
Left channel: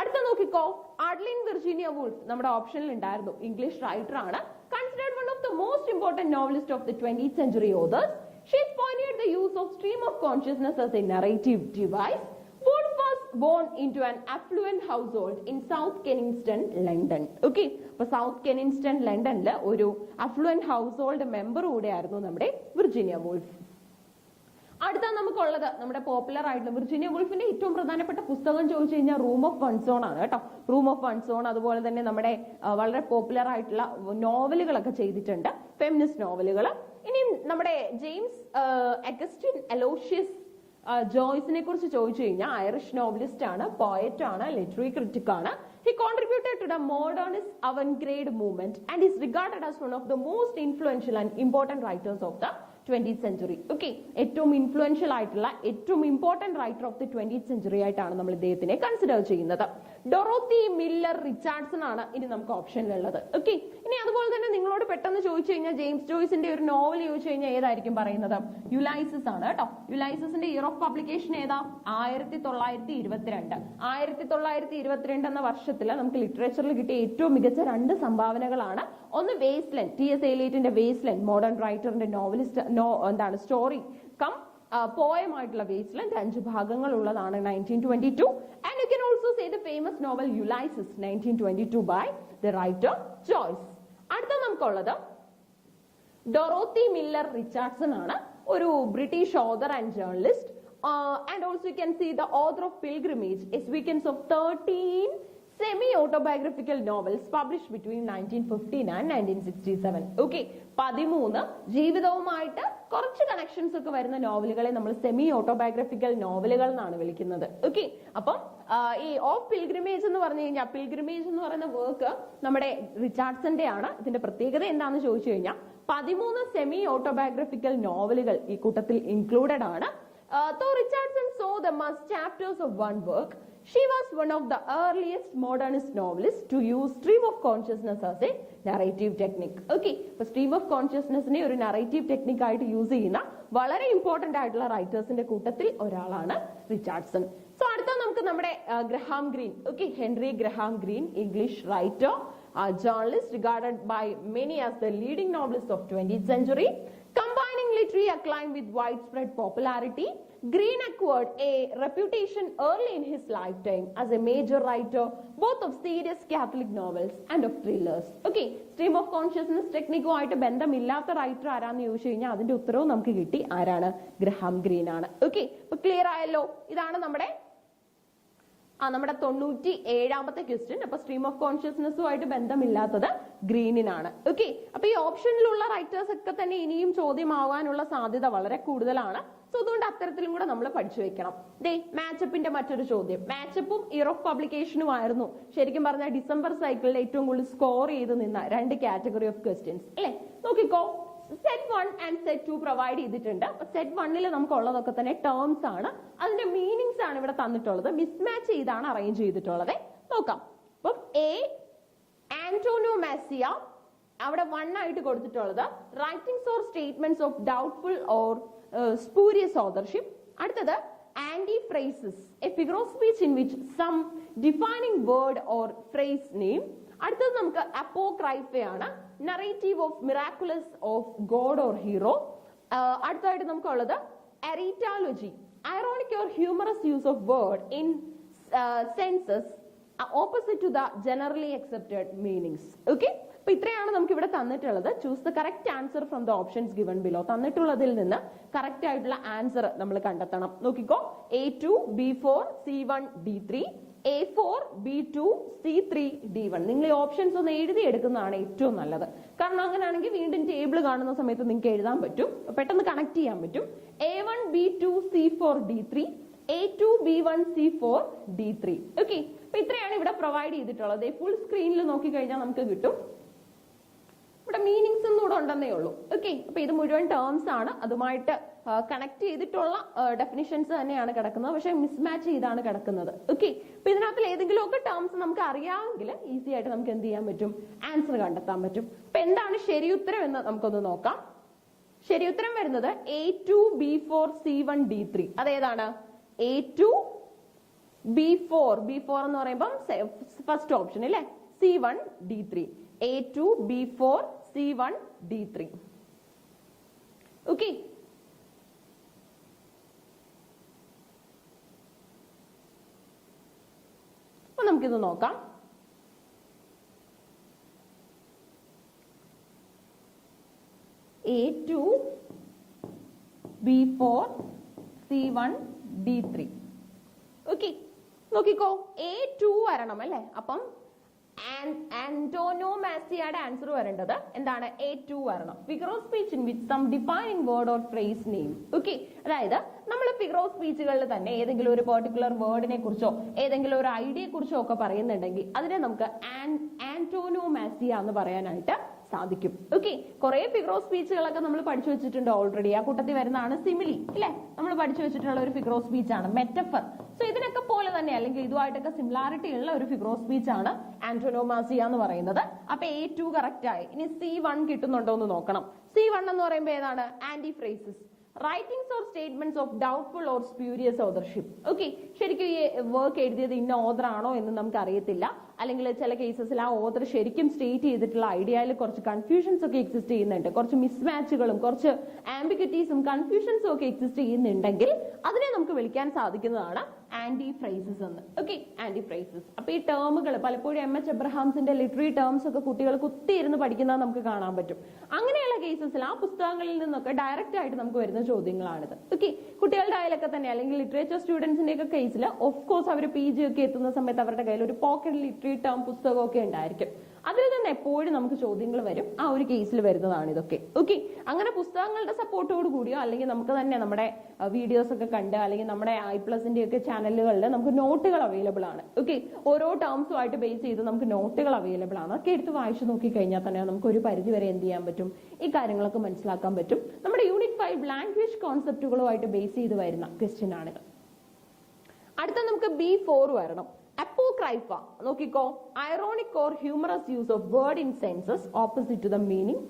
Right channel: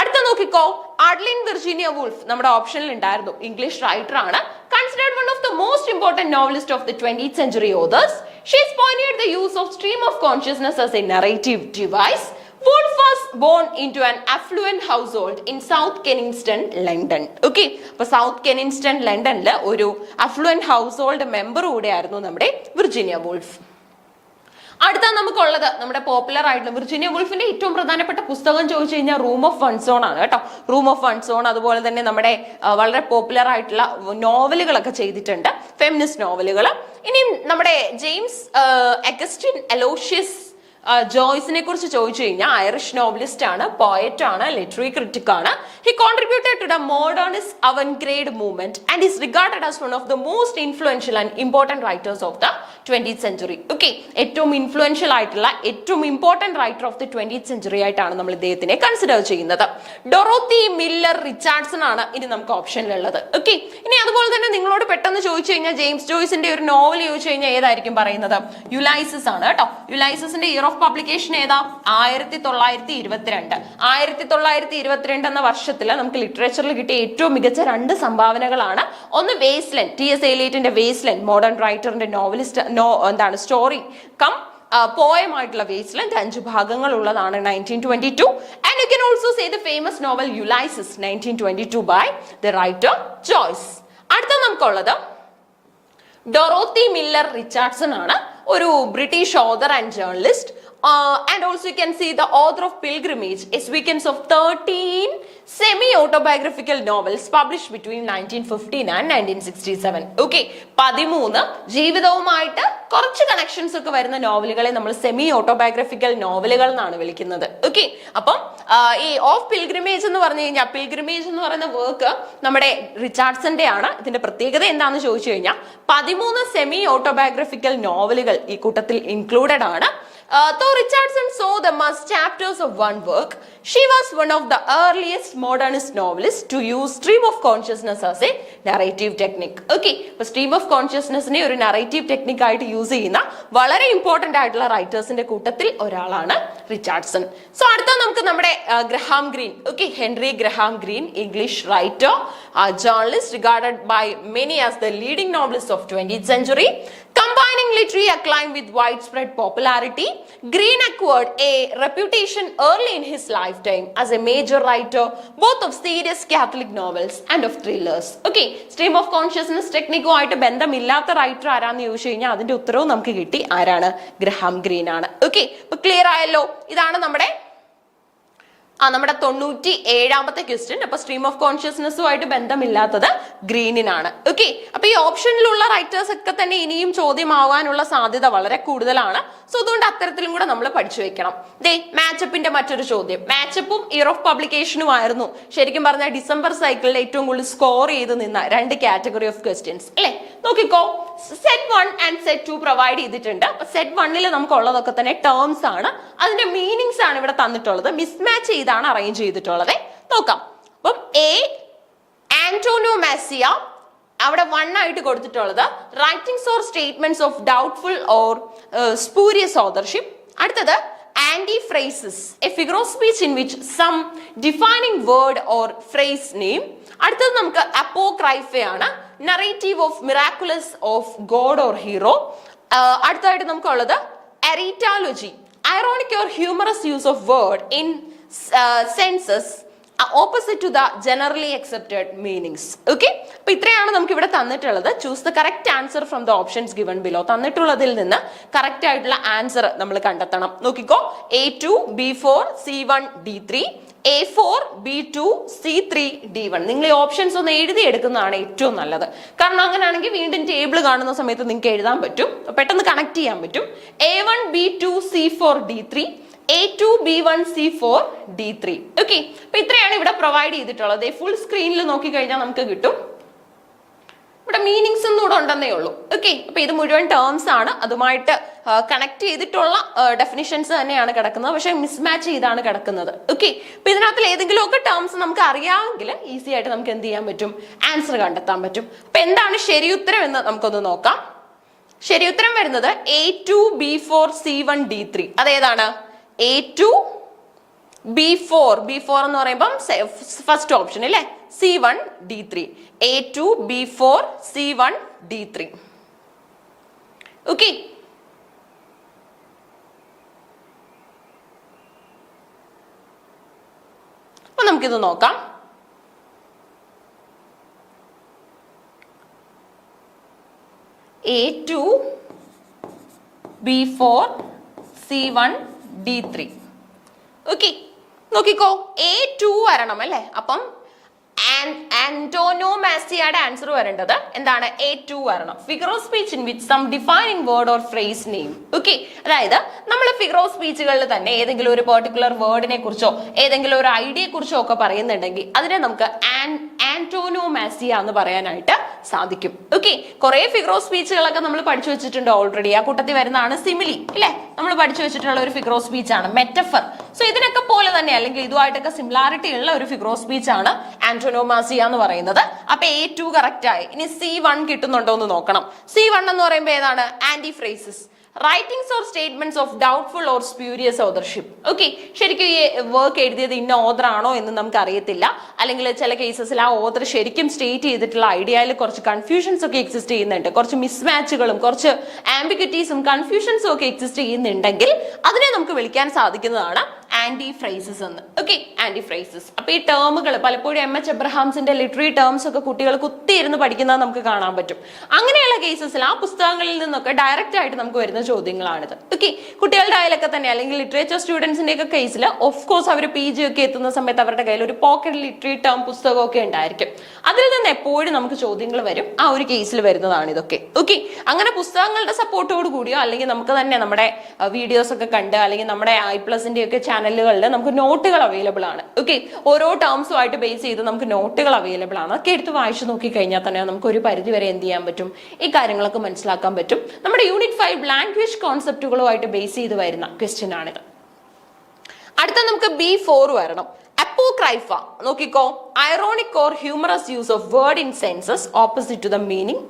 അടുത്ത നോക്കിക്കോ, അഡ്ലിൻ വിർജീനിയ വുൾഫ് നമ്മുടെ ഓപ്ഷനിൽ ഉണ്ടായിരുന്നു. ഇംഗ്ലീഷ് റൈറ്റർ ആണ്. Considered one of the most important novelist of the 20th century authors. She has pioneered the use of stream of consciousness as a narrative device. Woolf was born into an affluent household in South Kensington, London. Okay, അപ്പോൾ south കെനിങ്സ്റ്റൺ ലണ്ടനിൽ ഒരു affluent house hold member കൂടെയായിരുന്നു നമ്മുടെ Virginia wolf. അടുത്ത നമുക്കുള്ളത് നമ്മുടെ popular ആയിട്ടുള്ള Virginia വുൾഫിന്റെ ഏറ്റവും പ്രധാനപ്പെട്ട പുസ്തകം ചോദിച്ചു കഴിഞ്ഞാൽ റൂം ഓഫ് വൺ സോൺ ആണ് കേട്ടോ. റൂം ഓഫ് വൺ സോൺ, അതുപോലെ തന്നെ നമ്മുടെ വളരെ പോപ്പുലർ ആയിട്ടുള്ള നോവലുകളൊക്കെ ചെയ്തിട്ടുണ്ട്, ഫെമിനിസ്റ്റ് നോവലുകൾ. ഇനി നമ്മുടെ ജെയിംസ് അഗസ്റ്റിൻ അലോഷ്യസ് ജോയ്സിനെ കുറിച്ച് ചോദിച്ചു കഴിഞ്ഞാൽ ഐറിഷ് നോവലിസ്റ്റ് ആണ്, പോയറ്റ് ആണ്, ലിറ്റററി ക്രിറ്റിക് ആണ്. He contributed to the modernist avant-garde movement and is regarded as one of the most influential and important writers of the 20th century. Okay, ഏറ്റവും influential ആയിട്ടുള്ള ഏറ്റവും important writer of the 20th century ആയിട്ടാണ് നമ്മൾ ഇദ്ദേഹത്തിനെ consider ചെയ്യുന്നത്. Dorothy Miller Richardson ആണ് ഇനി നമുക്ക് ഓപ്ഷനിലുള്ളത്. ഓക്കെ, ഇനി അതുപോലെ തന്നെ നിങ്ങളോട് പെട്ടെന്ന് ചോദിച്ചു കഴിഞ്ഞാൽ ജെയിംസ് ജോയ്സിന്റെ ഒരു നോവൽ ചോദിച്ചു കഴിഞ്ഞാൽ ഏതായിരിക്കും പറയുന്നത്? യുലൈസിസ് ആണ് കേട്ടോ. യുലൈസിന്റെ ഇയർ ഓഫ് പബ്ലിക്കേഷൻ ഏതാ? 1922. 1922 എന്ന വർഷത്തിൽ നമുക്ക് ലിറ്ററേച്ചറിൽ കിട്ടിയ ഏറ്റവും മികച്ച 2 സംഭാവനകളാണ്. ഒന്ന് വേസ്ലൻഡ്, ടി.എസ്. എലിയറ്റിന്റെ വേസ്ലൻഡ്, മോഡേൺ റൈറ്ററിന്റെ നോവലിസ്റ്റ് സ്റ്റോറി കം പോയമായിട്ടുള്ള വേസ്ലൻഡ്, 5 ഭാഗങ്ങൾ ഉള്ളതാണ്, 1922. And you can also say the famous novel Ulysses 1922 by the writer Joyce. അടുത്ത നമുക്കുള്ളത് ഡൊറോത്തി മില്ലർ റിച്ചാർഡ്സൺ ആണ്, ഒരു British author and journalist. And also you can see the author of Pilgrimage, a sequence of 13 semi-autobiographical novels published between 1915 and 1967. Okay, 13 ജീവിതവുമായിട്ട് കുറച്ച് connections ഒക്കെ വരുന്ന നോവലുകളെ നമ്മൾ semi autobiographical നോവലുകൾ എന്നാണ് വിളിക്കുന്നത്. ഓക്കെ, അപ്പം ഈ ഓഫ് പിൽഗ്രിമേജ് എന്ന് പറഞ്ഞു കഴിഞ്ഞാൽ, പിൽഗ്രിമേജ് എന്ന് പറയുന്ന വർക്ക് നമ്മുടെ റിച്ചാർഡ്സന്റെ ആണ്. ഇതിന്റെ പ്രത്യേകത എന്താണെന്ന് ചോദിച്ചു കഴിഞ്ഞാൽ 13 സെമി ഓട്ടോബയോഗ്രഫിക്കൽ നോവലുകൾ ഈ കൂട്ടത്തിൽ ഇൻക്ലൂഡഡ് ആണ്. Though Richardson saw them as chapters of one work, she was one of the earliest modernist novelists to use stream of consciousness as a narrative technique. Okay, അപ്പോൾ stream of consciousness നെ ഒരു narrative technique ആയിട്ട് use ചെയ്യുന്ന വളരെ important ആയിട്ടുള്ള റൈറ്റേഴ്സിന്റെ കൂട്ടത്തിൽ ഒരാളാണ് Richardson. So അടുത്ത നമുക്ക് നമ്മുടെ Graham green. Okay, Henry Graham green, English writer, journalist regarded by many as the leading novelist of 20th century. Combining literary acclaim with widespread popularity, Green acquired a reputation early in his lifetime as a major writer both of serious Catholic novels and of thrillers. Okay, stream of consciousness ടെക്നിക്കുമായിട്ട് ബന്ധമില്ലാത്ത writer ആരാന്ന് ചോദിച്ചു കഴിഞ്ഞാൽ അതിന്റെ ഉത്തരവും നമുക്ക് കിട്ടി. ആരാണ്? Graham green ആണ്. ഓക്കെ, അപ്പൊ ക്ലിയർ ആയല്ലോ. ഇതാണ് നമ്മുടെ 97ാമത്തെ ക്വസ്റ്റ്യൻ. അപ്പൊ സ്ട്രീം ഓഫ് കോൺഷ്യസ്നെസ്സുമായിട്ട് ബന്ധമില്ലാത്തത് ഗ്രീനിനാണ്. ഓക്കെ, അപ്പൊ ഈ ഓപ്ഷനിലുള്ള റൈറ്റേഴ്സ് ഒക്കെ തന്നെ ഇനിയും ചോദ്യമാവാനുള്ള സാധ്യത വളരെ കൂടുതലാണ്. സോ അതുകൊണ്ട് അത്തരത്തിലും കൂടെ നമ്മൾ പഠിച്ചു വെക്കണം. ദേ മാച്ചപ്പിന്റെ മറ്റൊരു ചോദ്യം. മാച്ചപ്പും ഇയർ ഓഫ് പബ്ലിക്കേഷനും ആയിരുന്നു ശരിക്കും പറഞ്ഞാൽ ഡിസംബർ സൈക്കിളിൽ ഏറ്റവും കൂടുതൽ സ്കോർ ചെയ്ത് നിന്ന 2 കാറ്റഗറി ഓഫ് ക്വസ്റ്റ്യൻസ് അല്ലെ. നോക്കിക്കോ, സെറ്റ് 1 ആൻഡ് സെറ്റ് 2 പ്രൊവൈഡ് ചെയ്തിട്ടുണ്ട്. സെറ്റ് 1 നമുക്ക് ഉള്ളതൊക്കെ തന്നെ ടേംസ് ആണ്, അതിന്റെ മീനിങ്സ് ആണ് ഇവിടെ തന്നിട്ടുള്ളത്. മിസ്മാച്ച് ചെയ്താണ് അറേഞ്ച് ചെയ്തിട്ടുള്ളത്. നോക്കാം. അപ്പം എ ആന്റോനോമാസിയ അവിടെ 1 ആയിട്ട് കൊടുത്തിട്ടുള്ളത് writings or statements of doubtful or spurious authorship. അടുത്തത് antiphrasis, a figure of speech in which some defining word or phrase name. അടുത്തത് നമുക്ക് അപ്പോക്രൈഫയാണ്, narrative of miraculous of god or hero. അടുത്തതായിട്ട് നമുക്കുള്ളത് എറീറ്റാലജി, ironic or humorous use of word in senses opposite to the generally accepted meanings. Okay, അപ്പൊ ഇത്രയാണ് നമുക്ക് ഇവിടെ തന്നിട്ടുള്ളത്. Choose the correct answer from the options given below. തന്നിട്ടുള്ളതിൽ നിന്ന് correct ആയിട്ടുള്ള ആൻസർ നമ്മൾ കണ്ടെത്തണം. നോക്കിക്കോ, A2 B4 C1 D3, A4 B2 C3 D1. നിങ്ങൾ ഈ ഓപ്ഷൻസ് ഒന്ന് എഴുതി എടുക്കുന്നതാണ് ഏറ്റവും നല്ലത്. കാരണം അങ്ങനെയാണെങ്കിൽ വീണ്ടും ടേബിൾ കാണുന്ന സമയത്ത് നിങ്ങൾക്ക് എഴുതാൻ പറ്റും, പെട്ടെന്ന് കണക്ട് ചെയ്യാൻ പറ്റും. A1 B2 C4 D3, A2 B1 C4 D3. Okay, അപ്പൊ ഇത്രയാണ് ഇവിടെ പ്രൊവൈഡ് ചെയ്തിട്ടുള്ളത്. ഫുൾ സ്ക്രീനിൽ നോക്കി കഴിഞ്ഞാൽ നമുക്ക് കിട്ടും. ഇവിടെ മീനിങ്സ് ഒന്നും കൂടെ ഉണ്ടെന്നേ ഉള്ളൂ. ഓക്കെ, അപ്പൊ ഇത് മുഴുവൻ ടേംസ് ആണ്, അതുമായിട്ട് കണക്ട് ചെയ്തിട്ടുള്ള ഡെഫിനിഷൻസ് തന്നെയാണ് കിടക്കുന്നത്, പക്ഷെ മിസ്മാച്ച് ചെയ്താണ് കിടക്കുന്നത്. ഓക്കെ, അപ്പൊ ഇതിനകത്ത് ഏതെങ്കിലും ഒക്കെ ടേംസ് നമുക്ക് അറിയാമെങ്കിൽ ഈസി ആയിട്ട് നമുക്ക് എന്ത് ചെയ്യാൻ പറ്റും, ആൻസർ കണ്ടെത്താൻ പറ്റും. അപ്പൊ എന്താണ് ശരിയുത്തരം എന്ന് നമുക്കൊന്ന് നോക്കാം. ശരിയുത്തരം വരുന്നത് A2 B4 C1 D3. അതേതാണ്? A2 B4 എന്ന് പറയുമ്പം ഫസ്റ്റ് ഓപ്ഷൻ അല്ലേ, C1 D3. A2 B4 C1 D3. Okay, അപ്പൊ നമുക്കിത് നോക്കാം. A2 B4 C1 D3. Okay, നോക്കിക്കോ, A2 വരണം അല്ലേ, അപ്പം ആന്റോനോമാസിയുടെ ആൻസർ വരേണ്ടത് എന്താണ്, A2 വരണം. Figure of speech in which some defining word or phrase name. Okay, അതായത് നമ്മൾ ഫിഗർ ഓഫ് സ്പീച്ചുകളിൽ തന്നെ ഏതെങ്കിലും ഒരു പെർട്ടിക്കുലർ വേർഡിനെ കുറിച്ചോ ഏതെങ്കിലും ഒരു ഐഡിയയെ കുറിച്ചോ ഒക്കെ പറയുന്നുണ്ടെങ്കിൽ അതിനെ നമുക്ക് ആന്റോനോമാസിയ എന്ന് പറയാനായിട്ട് സാധിക്കും. ഓക്കെ, കുറെ ഫിഗർ ഓഫ് സ്പീച്ചുകളൊക്കെ നമ്മൾ പഠിച്ചു വെച്ചിട്ടുണ്ട് ഓൾറെഡി. ആ കൂട്ടത്തിൽ വരുന്നതാണ് സിമിലി അല്ലെ, നമ്മൾ പഠിച്ചു വെച്ചിട്ടുള്ള ഒരു ഫിഗർ ഓഫ് സ്പീച്ച് ആണ് മെറ്റഫർ. സോ ഇതിനൊക്കെ പോലെ തന്നെ അല്ലെങ്കിൽ ഇതുമായിട്ടൊക്കെ സിമിലാരിറ്റി ഉള്ള ഒരു ഫിഗർ ഓഫ് സ്പീച്ച് ആണ് ആന്റോനോമാസിയ എന്ന് പറയുന്നത്. അപ്പൊ A2 കറക്റ്റ് ആയി. ഇനി C1 കിട്ടുന്നുണ്ടോ എന്ന് നോക്കണം. C1 എന്ന് പറയുമ്പോൾ ഏതാണ്, antiphrasis, writings or statements of doubtful or spurious authorship. Okay, ശരിക്കും ഈ വർക്ക് എഴുതിയത് ഇന്ന ഓതർ ആണോ എന്ന് നമുക്ക് അറിയത്തില്ല, അല്ലെങ്കിൽ ചില കേസസിൽ ആ ഓതർ ശരിക്കും സ്റ്റേറ്റ് ചെയ്തിട്ടുള്ള ഐഡിയയിൽ കുറച്ച് കൺഫ്യൂഷൻസ് ഒക്കെ എക്സിസ്റ്റ് ചെയ്യുന്നുണ്ട്, കുറച്ച് മിസ്മാച്ചുകളും കുറച്ച് ആംബിഗ്വിറ്റീസും കൺഫ്യൂഷൻസും ഒക്കെ എക്സിസ്റ്റ് ചെയ്യുന്നുണ്ടെങ്കിൽ അതിനെ നമുക്ക് വിളിക്കാൻ സാധിക്കുന്നതാണ് ആന്റിഫ്രേസസ് എന്ന്. ഓക്കെ, ആന്റിഫ്രേസസ്. അപ്പൊ ഈ ടേമുകൾ പലപ്പോഴും MH എബ്രഹാംസിന്റെ ലിറ്റററി ടേംസ് ഒക്കെ കുട്ടികൾ കുത്തിയിരുന്ന് പഠിക്കുന്നത് നമുക്ക് കാണാൻ പറ്റും. അങ്ങനെയുള്ള കേസസിൽ ആ പുസ്തകങ്ങളിൽ നിന്നൊക്കെ ഡയറക്റ്റ് ആയിട്ട് നമുക്ക് വരുന്ന ചോദ്യങ്ങളാണിത്. ഓക്കെ, കുട്ടികളുടെ ആയാലൊക്കെ തന്നെ അല്ലെങ്കിൽ ലിറ്ററേച്ചർ സ്റ്റുഡൻസിന്റെ ഒക്കെ കേസിൽ ഓഫ് കോഴ്സ് അവർ PG ഒക്കെ എത്തുന്ന സമയത്ത് അവരുടെ കയ്യിൽ ഒരു പോക്കറ്റ് ലിറ്റററി ടേം പുസ്തകമൊക്കെ ഉണ്ടായിരിക്കും. അതിൽ നിന്ന് എപ്പോഴും നമുക്ക് ചോദ്യങ്ങൾ വരും. ആ ഒരു കേസിൽ വരുന്നതാണ് ഇതൊക്കെ. ഓക്കെ, അങ്ങനെ പുസ്തകങ്ങളുടെ സപ്പോർട്ടോട് കൂടിയോ അല്ലെങ്കിൽ നമുക്ക് തന്നെ നമ്മുടെ വീഡിയോസ് ഒക്കെ കണ്ട് അല്ലെങ്കിൽ നമ്മുടെ iPlusന്റെ ഒക്കെ ചാനലുകളിൽ നമുക്ക് നോട്ടുകൾ അവൈലബിൾ ആണ്. ഓക്കെ, ഓരോ ടേംസുമായിട്ട് ബേസ് ചെയ്ത് നമുക്ക് നോട്ടുകൾ അവൈലബിൾ ആണ്. അതൊക്കെ എടുത്ത് വായിച്ചു നോക്കി കഴിഞ്ഞാൽ തന്നെ നമുക്ക് ഒരു പരിധി വരെ എന്ത് ചെയ്യാൻ പറ്റും, ഈ കാര്യങ്ങളൊക്കെ മനസ്സിലാക്കാൻ പറ്റും. നമ്മുടെ യൂണിറ്റ് 5 ലാംഗ്വേജ് കോൺസെപ്റ്റുകളുമായിട്ട് ബേസ് ചെയ്ത് വരുന്ന ക്വസ്റ്റ്യൻ ആണിത്. അടുത്ത നമുക്ക് B4 വരണം. അപ്പോക്രൈഫ നോക്കിക്കോ, ironic or humorous use of word in senses opposite to the meaning.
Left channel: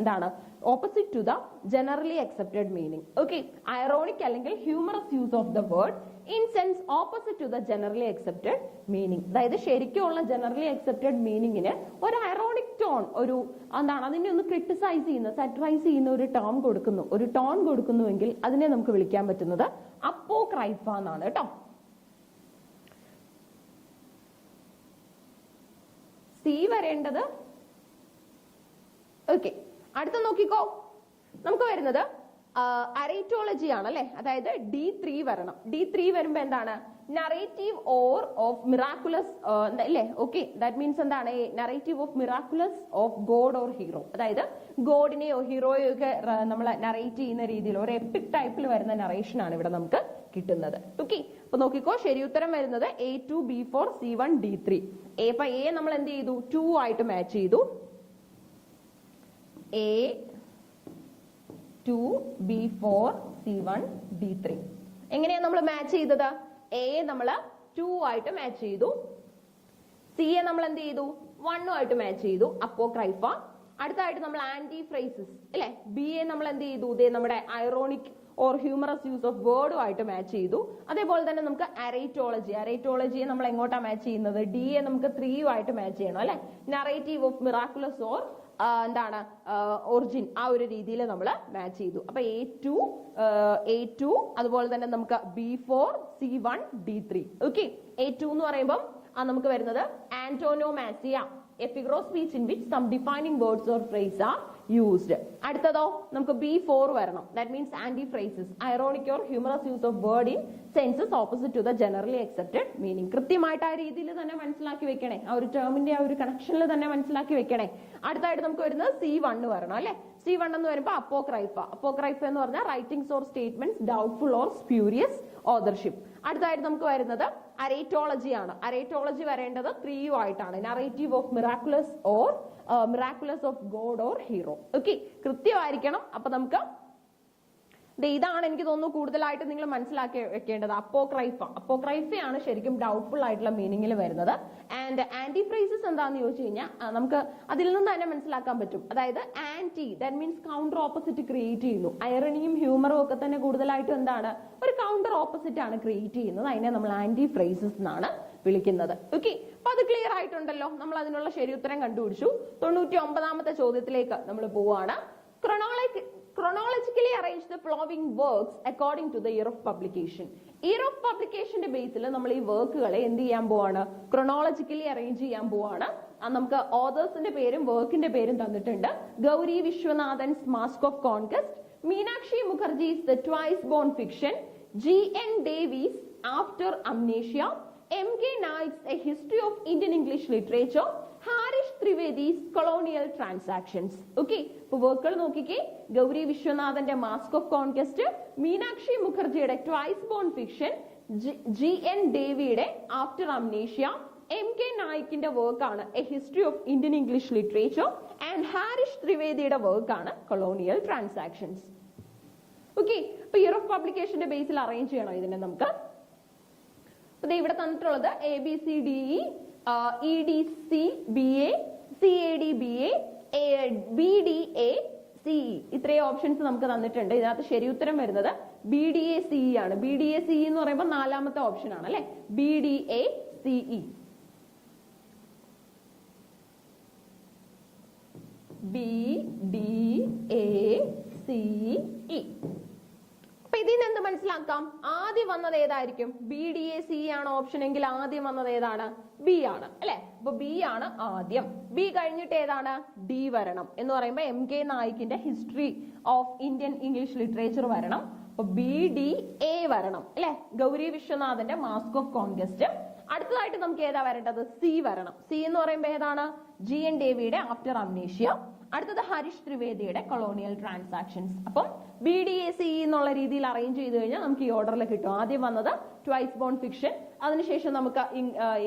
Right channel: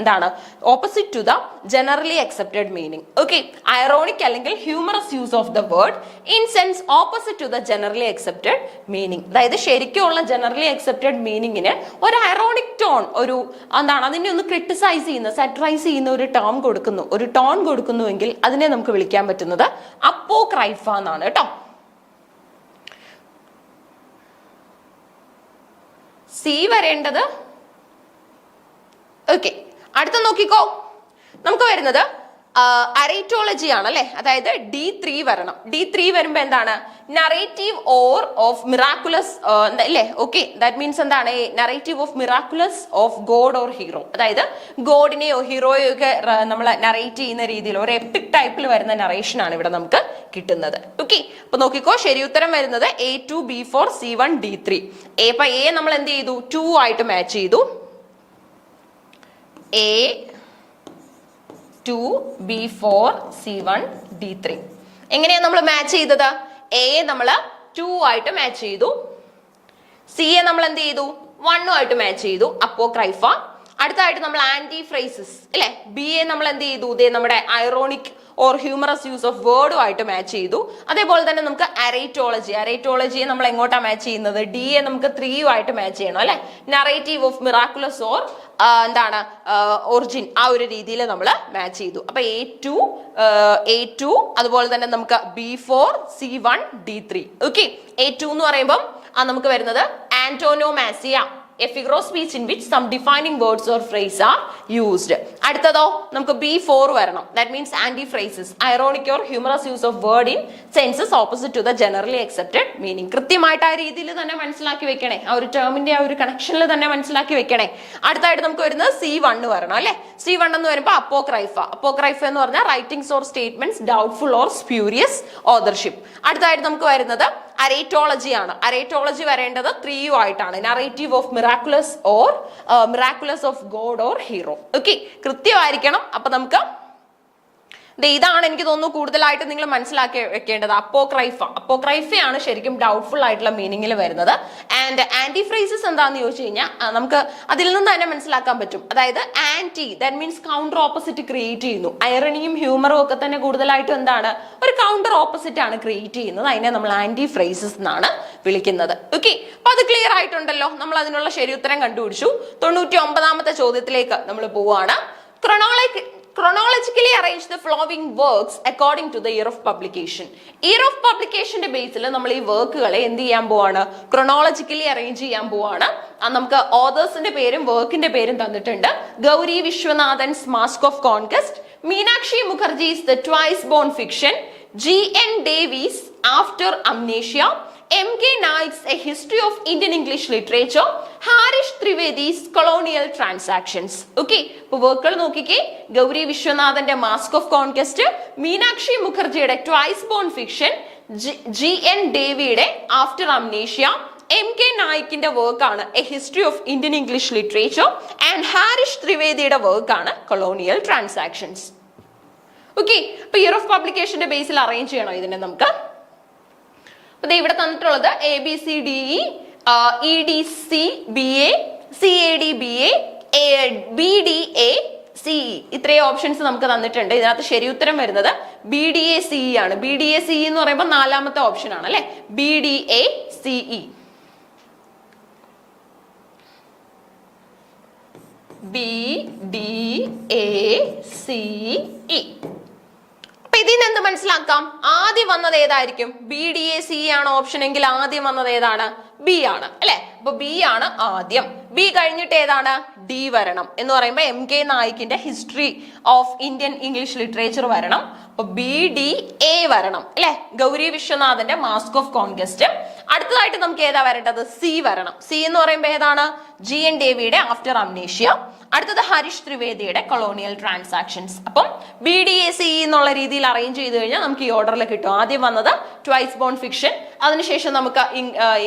എന്താണ്, opposite to the generally accepted meaning. Okay, ironic അല്ലെങ്കിൽ humorous use of the word in sense opposite to the generally accepted meaning. അതായത് ശരിക്കുള്ള generally accepted മീനിങ്ങിന് ഒരു ironic tone, ഒരു എന്താണ് അതിനെ ഒന്ന് criticise ചെയ്യുന്ന സാറ്ററൈസ് ചെയ്യുന്ന ഒരു ടേം കൊടുക്കുന്നു, ഒരു ടോൺ കൊടുക്കുന്നുവെങ്കിൽ അതിനെ നമുക്ക് വിളിക്കാൻ പറ്റുന്നത് അപ്പോക്രൈഫ എന്നാണ് കേട്ടോ. C വരേണ്ടത്. ഓക്കെ, അടുത്ത നോക്കിക്കോ, നമുക്ക് വരുന്നത് അറൈറ്റോളജി ആണ് അല്ലെ, അതായത് D3 വരണം. D3 വരുമ്പോ എന്താണ്, നറേറ്റീവ് ഓർ ഓഫ് മിറാക്കുലസ് അല്ലേ. ഓക്കെ, ദാറ്റ് മീൻസ് എന്താണ്, narrative of miraculous of god or hero. അതായത് ഗോഡിനെയോ ഹീറോയോ ഒക്കെ നമ്മൾ നറേറ്റ് ചെയ്യുന്ന രീതിയിൽ ഒരു എപ്പിക് ടൈപ്പിൽ വരുന്ന നറേഷൻ ആണ് ഇവിടെ നമുക്ക് കിട്ടുന്നത്. ഓക്കെ, അപ്പൊ നോക്കിക്കോ, ശരി ഉത്തരം വരുന്നത് A2 B4 C1 D3. അപ്പൊ A നമ്മൾ എന്ത് ചെയ്തു, 2 ആയിട്ട് മാച്ച് ചെയ്തു. A2 B4 C1 D3. എങ്ങനെയാണ് നമ്മൾ മാച്ച് ചെയ്തത്, A നമ്മൾ 2 ആയിട്ട് മാച്ച് ചെയ്തു, C നമ്മൾ എന്ത് ചെയ്തു, 1 ആയിട്ട് മാച്ച് ചെയ്തു. അപ്പോക്രൈഫ. അടുത്തായിട്ട് നമ്മൾ ആന്റി ഫ്രേസസ് അല്ലെ, ബി എ നമ്മൾ എന്ത് ചെയ്തു, ഇതേ നമ്മുടെ ironic or humorous use of വേർഡുമായിട്ട് മാച്ച് ചെയ്തു. അതേപോലെ തന്നെ നമുക്ക് അറേറ്റോളജിയെ നമ്മൾ എങ്ങോട്ടാ മാച്ച് ചെയ്യുന്നത്, ഡി എ നമുക്ക് 3 ആയിട്ട് മാച്ച് ചെയ്യണം അല്ലെ. നറേറ്റീവ് ഓഫ് മിറാക്കുലസ് ഓർ എന്താണ് ഒറിജിൻ, ആ ഒരു രീതിയിൽ നമ്മൾ മാച്ച് ചെയ്തു. അപ്പൊ A2 അതുപോലെ തന്നെ നമുക്ക് B4 C1 D3. Okay, A2 എന്ന് പറയുമ്പോൾ നമുക്ക് വരുന്നത് ആന്റോനോമാസിയ, a figure of speech in which some defining words or phrase are used. അടുത്തതോ നമുക്ക് B4 വരണം. That means antiphrases, ironic or humorous use of word in senses opposite to the generally accepted meaning. കൃത്യമായിട്ട് ആ രീതിയിൽ തന്നെ മനസ്സിലാക്കി വെക്കണേ, ആ ഒരു ടേമിന്റെ ആ ഒരു കണക്ഷനിൽ തന്നെ മനസ്സിലാക്കി വെക്കണേ. അടുത്തായിട്ട് നമുക്ക് വരുന്നത് C1 വരണം അല്ലെ. C1 എന്ന് വരുമ്പോൾ അപ്പോക്രൈഫ എന്ന് പറഞ്ഞാൽ writings or statements doubtful or spurious authorship. അടുത്തായിട്ട് നമുക്ക് വരുന്നത് അറേറ്റോളജി ആണ്. അറേറ്റോളജി വരേണ്ടത് 3 ആയിട്ടാണ്. Narrative of miraculous or miraculous of god or hero. Okay, കൃത്യമായിരിക്കണം. അപ്പൊ നമുക്ക് ഇതാണ് എനിക്ക് തോന്നുന്നു കൂടുതലായിട്ട് നിങ്ങൾ മനസ്സിലാക്കി വെക്കേണ്ടത്. അപ്പോക്രൈഫയാണ് ശരിക്കും ഡൗട്ട്ഫുൾ ആയിട്ടുള്ള മീനിങ്ങിൽ വരുന്നത്. ആൻഡ് ആന്റിഫ്രേസസ് എന്താന്ന് ചോദിച്ചു കഴിഞ്ഞാൽ നമുക്ക് അതിൽ നിന്ന് തന്നെ മനസ്സിലാക്കാൻ പറ്റും. അതായത് anti, that means counter opposite create ചെയ്യുന്നു. ഐറണിയും ഹ്യൂമറും ഒക്കെ തന്നെ കൂടുതലായിട്ടും എന്താണ്, ഒരു കൗണ്ടർ ഓപ്പോസിറ്റ് ആണ് ക്രിയേറ്റ് ചെയ്യുന്നത്. അതിനെ നമ്മൾ ആന്റിഫ്രേസസ് എന്നാണ് വിളിക്കുന്നത്. ഓക്കെ, അപ്പൊ അത് ക്ലിയർ ആയിട്ടുണ്ടല്ലോ. നമ്മൾ അതിനുള്ള ശരി ഉത്തരം കണ്ടുപിടിച്ചു. 99ാമത്തെ ചോദ്യത്തിലേക്ക് നമ്മൾ പോവാണ്. Chronologically arrange the following works according to the year of publication. Year of publication ബേസിൽ നമ്മൾ ഈ വർക്കുകളെ എന്ത് ചെയ്യാൻ പോവാണ്, ക്രൊണോളജിക്കലി അറേഞ്ച് ചെയ്യാൻ പോവാണ്. നമുക്ക് ഓതേഴ്സിന്റെ പേരും വർക്കിന്റെ പേരും തന്നിട്ടുണ്ട്. Gauri Viswanathan's mask of conquest, Meenakshi Mukherjee's the twice born fiction, G.N. Davies after amnesia, M.K. Naik's A History of Indian English Literature, Harish Trivedi's colonial transactions. Okay, ഇപ്പൊ വർക്കുകൾ നോക്കിക്കേ. ഗൗരി വിശ്വനാഥന്റെ മാസ്ക് ഓഫ് കോൺക്വസ്റ്റ്, മീനാക്ഷി മുഖർജിയുടെ ട്വൈസ് ബോൺ ഫിക്ഷൻ, G.N. ഡേവിയുടെ ആഫ്റ്റർ അംനേഷ്യ, M.K. നായിക്കിന്റെ വർക്കാണ് a history of Indian English literature, and Harish ത്രിവേദിയുടെ വർക്കാണ് കൊളോണിയൽ ട്രാൻസാക്ഷൻസ്. ഓക്കെ, ഇപ്പൊ ഇയർ ഓഫ് പബ്ലിക്കേഷന്റെ ബേസിൽ അറേഞ്ച് ചെയ്യണം ഇതിനെ നമുക്ക്. അപ്പൊ ഇവിടെ തന്നിട്ടുള്ളത് ABCDE, EDC BA, CAD BA, BDA CE, ഇത്രയും ഓപ്ഷൻസ് നമുക്ക് തന്നിട്ടുണ്ട്. ഇതിനകത്ത് ശരി ഉത്തരം വരുന്നത് BDA CE ആണ്. BDA CE എന്ന് പറയുമ്പോൾ 4ാമത്തെ ഓപ്ഷൻ ആണ് അല്ലെ. BDA CE, BDA CE. അപ്പൊ ഇതിന് എന്ത് മനസ്സിലാക്കാം, ആദ്യം വന്നത് ഏതായിരിക്കും, BDA CE ആണ് ഓപ്ഷൻ എങ്കിൽ ആദ്യം വന്നത് ഏതാണ്, ബി ആണ് അല്ലെ. അപ്പൊ ബി ആണ് ആദ്യം. ബി കഴിഞ്ഞിട്ട് ഏതാണ്, ഡി വരണം. എന്ന് പറയുമ്പോൾ M.K. നായിക്കിന്റെ history of Indian English literature വരണം. അപ്പൊ BDA വരണം അല്ലെ. ഗൗരി വിശ്വനാഥന്റെ മാസ്ക് ഓഫ് കോൺക്വസ്റ്റ്. അടുത്തതായിട്ട് നമുക്ക് ഏതാ വരേണ്ടത്, സി വരണം. സി എന്ന് പറയുമ്പോൾ ഏതാണ്, G.N. ഡേവിയുടെ ആഫ്റ്റർ അംനേഷ്യ. അടുത്തത് ഹരീഷ് ത്രിവേദിയുടെ കൊളോണിയൽ ട്രാൻസാക്ഷൻസ്. അപ്പം BDA CE എന്നുള്ള രീതിയിൽ അറേഞ്ച് ചെയ്ത് കഴിഞ്ഞാൽ നമുക്ക് ഈ ഓർഡറിൽ കിട്ടും. ആദ്യം വന്നത് ട്വൈസ് ബോൺ ഫിക്ഷൻ, അതിനുശേഷം നമുക്ക്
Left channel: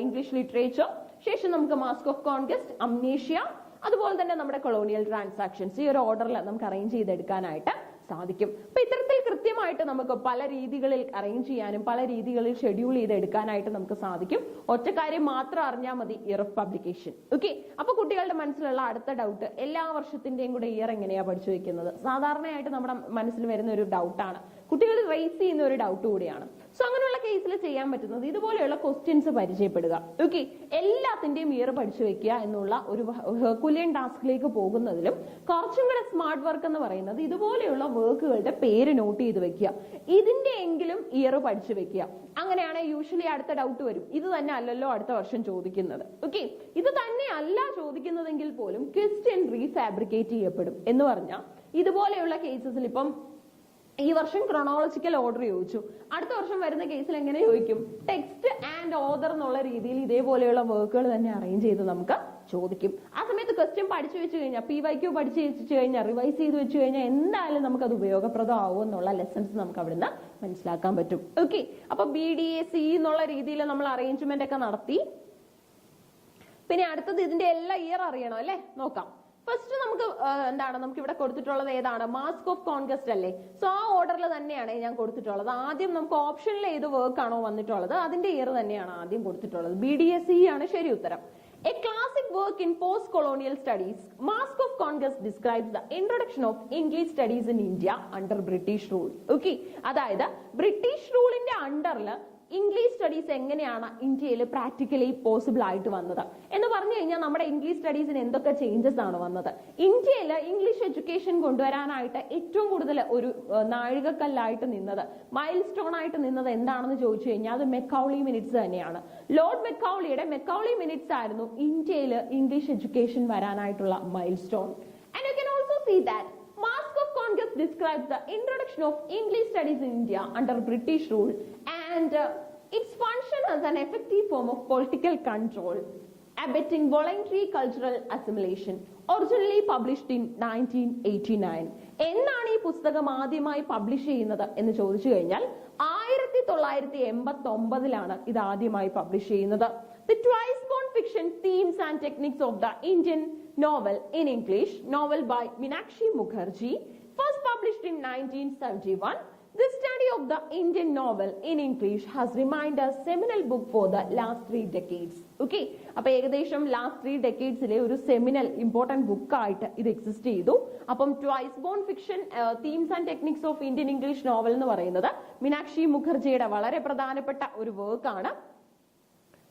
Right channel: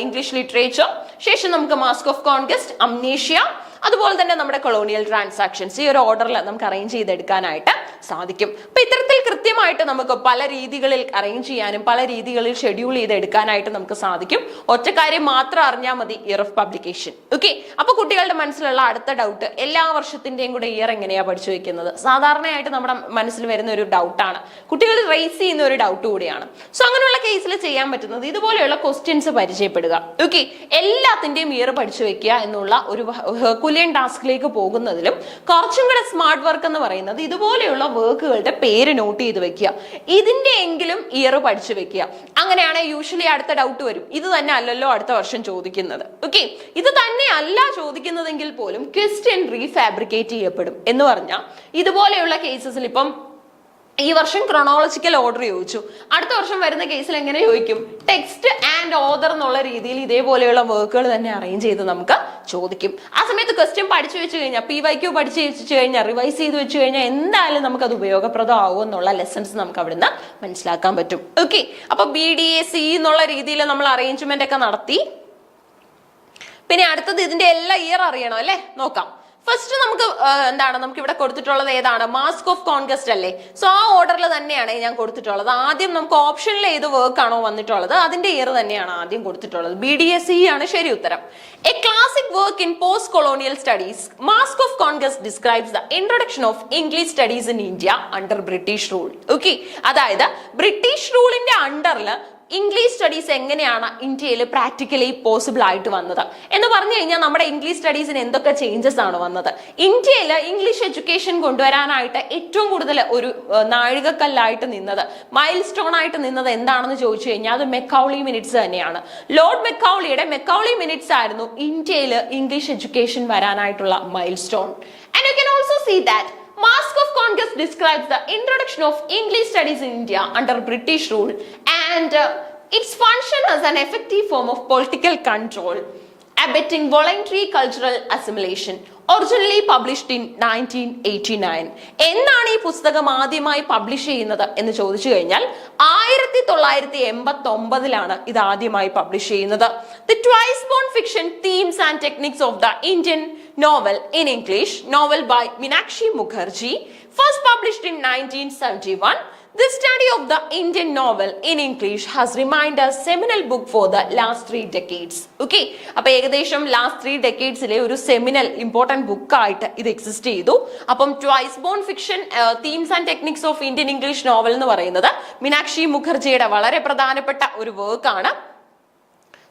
ഇംഗ്ലീഷ് ലിറ്ററേച്ചർ, ശേഷം നമുക്ക് മാസ്ക് ഓഫ് കോൺക്വസ്റ്റ്, അംനേഷ്യ, അതുപോലെ തന്നെ നമ്മുടെ കൊളോണിയൽ ട്രാൻസാക്ഷൻസ്. ഈ ഒരു ഓർഡറിൽ നമുക്ക് അറേഞ്ച് ചെയ്തെടുക്കാനായിട്ട് സാധിക്കും. അപ്പൊ ഇത്തരത്തിൽ കൃത്യമായിട്ട് നമുക്ക് പല രീതികളിൽ അറേഞ്ച് ചെയ്യാനും പല രീതികളിൽ ഷെഡ്യൂൾ ചെയ്തെടുക്കാനായിട്ട് നമുക്ക് സാധിക്കും. ഒറ്റ കാര്യം മാത്രം അറിഞ്ഞാൽ മതി, ഇയർ ഓഫ് പബ്ലിക്കേഷൻ. ഓക്കെ, അപ്പൊ കുട്ടികളുടെ മനസ്സിലുള്ള അടുത്ത ഡൗട്ട്, എല്ലാ വർഷത്തിന്റെയും കൂടെ ഇയർ എങ്ങനെയാ പഠിച്ചു വെക്കുന്നത്? സാധാരണയായിട്ട് നമ്മുടെ മനസ്സിൽ വരുന്ന ഒരു ഡൗട്ടാണ്, കുട്ടികൾ റേസ് ചെയ്യുന്ന ഒരു ഡൗട്ട് കൂടിയാണ്. സോ അങ്ങനെയുള്ള കേസിൽ ചെയ്യാൻ പറ്റുന്നത് ഇതുപോലെയുള്ള ക്വസ്റ്റ്യൻസ് പരിചയപ്പെടുക. ഓക്കെ, എല്ലാത്തിന്റെയും ഇയർ പഠിച്ചു വെക്കുക എന്നുള്ള ഒരു ഹെർക്കുലിയൻ ടാസ്കിലേക്ക് പോകുന്നതിലും കുറച്ചും കൂടെ സ്മാർട്ട് വർക്ക് എന്ന് പറയുന്നത് ഇതുപോലെയുള്ള വർക്കുകളുടെ പേര് നോട്ട് ചെയ്ത് വെക്കുക, ഇതിന്റെ എങ്കിലും ഇയർ പഠിച്ചു വെക്കുക. അങ്ങനെയാണ് യൂഷ്വലി അടുത്ത ഡൗട്ട് വരും, ഇത് തന്നെ അല്ലല്ലോ അടുത്ത വർഷം ചോദിക്കുന്നത്. ഓക്കെ, ഇത് തന്നെ അല്ല ചോദിക്കുന്നതെങ്കിൽ പോലും ക്വസ്റ്റ്യൻ റീഫാബ്രിക്കേറ്റ് ചെയ്യപ്പെടും. എന്ന് പറഞ്ഞാൽ ഇതുപോലെയുള്ള കേസസിൽ ഇപ്പം ഈ വർഷം ക്രോണോളജിക്കൽ ഓർഡർ ചോദിച്ചു, അടുത്ത വർഷം വരുന്ന കേസിൽ എങ്ങനെ ചോദിക്കും, ടെക്സ്റ്റ് ആൻഡ് ഓതർ എന്നുള്ള രീതിയിൽ ഇതേപോലെയുള്ള വർക്കുകൾ തന്നെ അറേഞ്ച് ചെയ്ത് നമുക്ക് ചോദിക്കും. ആ സമയത്ത് ക്വസ്റ്റ്യൻ പഠിച്ചു വെച്ച് കഴിഞ്ഞാൽ, PYQ പഠിച്ചു വെച്ച് കഴിഞ്ഞാൽ, റിവൈസ് ചെയ്ത് വെച്ച് കഴിഞ്ഞാൽ എന്തായാലും നമുക്ക് അത് ഉപയോഗപ്രദമാവും എന്നുള്ള ലെസൺസ് നമുക്ക് അവിടുന്ന് മനസ്സിലാക്കാൻ പറ്റും. ഓക്കെ, അപ്പൊ BDA CE എന്നുള്ള രീതിയിൽ നമ്മൾ അറേഞ്ച്മെന്റ് ഒക്കെ നടത്തി. പിന്നെ അടുത്തത് ഇതിന്റെ എല്ലാ ഇയർ അറിയണം അല്ലെ, നോക്കാം. ഫസ്റ്റ് നമുക്ക് എന്താണ് നമുക്ക് ഇവിടെ കൊടുത്തിട്ടുള്ളത് ഏതാണ്? മാസ്ക് ഓഫ് കോൺക്വസ്റ്റ് അല്ലേ? സോ ആ ഓർഡറിൽ തന്നെയാണ് ഞാൻ കൊടുത്തിട്ടുള്ളത്. ആദ്യം നമുക്ക് ഓപ്ഷനിൽ ഏത് വർക്ക് ആണോ വന്നിട്ടുള്ളത് അതിന്റെ ഇയർ തന്നെയാണ് ആദ്യം കൊടുത്തിട്ടുള്ളത്. BDSE ആണ് ശരി ഉത്തരം. A classic work in post colonial studies, mask of conquest describes the introduction of English studies in India under British rule. Okay, അതായത് ബ്രിട്ടീഷ് റൂളിന്റെ അണ്ടറിൽ ഇംഗ്ലീഷ് സ്റ്റഡീസ് എങ്ങനെയാണ് ഇന്ത്യയിൽ പ്രാക്ടിക്കലി പോസിബിൾ ആയിട്ട് വന്നത് എന്ന് പറഞ്ഞു കഴിഞ്ഞാൽ നമ്മുടെ ഇംഗ്ലീഷ് സ്റ്റഡീസിന് എന്തൊക്കെ ചേഞ്ചസ് ആണ് വന്നത്? ഇന്ത്യയിൽ ഇംഗ്ലീഷ് എഡ്യൂക്കേഷൻ കൊണ്ടുവരാനായിട്ട് ഏറ്റവും കൂടുതൽ ഒരു നാഴികക്കല്ലായിട്ട് നിന്നത്, മൈൽ സ്റ്റോൺ ആയിട്ട് നിന്നത് എന്താണെന്ന് ചോദിച്ചു കഴിഞ്ഞാൽ അത് മെക്കൗളി മിനിറ്റ്സ് തന്നെയാണ്. ലോർഡ് മെക്കൗളിയുടെ മെക്കൗളി മിനിറ്റ്സ് ആയിരുന്നു ഇന്ത്യയിൽ ഇംഗ്ലീഷ് എഡ്യൂക്കേഷൻ വരാനായിട്ടുള്ള milestone. And you can also see that Mask of Conquest describes the introduction of English studies in India under British rule and its function as an effective form of political control, abetting voluntary cultural assimilation. Originally published in 1989. എന്നാണ് ഈ പുസ്തകം ആദ്യമായി publish ചെയ്യുന്നത് എന്ന് ചോദിച്ചു കഴിഞ്ഞാൽ 1989 ഇത് ആദ്യമായി പബ്ലിഷ് ചെയ്യുന്നത്. The twice born fiction themes and techniques of the Indian novel in English, novel by Meenakshi Mukherjee, first published in 1971. The study of the Indian novel in English has remained a seminal book for the last 3 decades. Okay, അപ്പോൾ ഏകദേശം last 3 decadesലെ ഒരു seminal important book ആയിട്ട് ഇത് exist ചെയ്തു. അപ്പം twice born fiction themes and techniques of Indian English novel എന്ന് പറയുന്നത് മീനാക്ഷി മുഖർജിയുടെ വളരെ പ്രധാനപ്പെട്ട ഒരു വർക്കാണ്.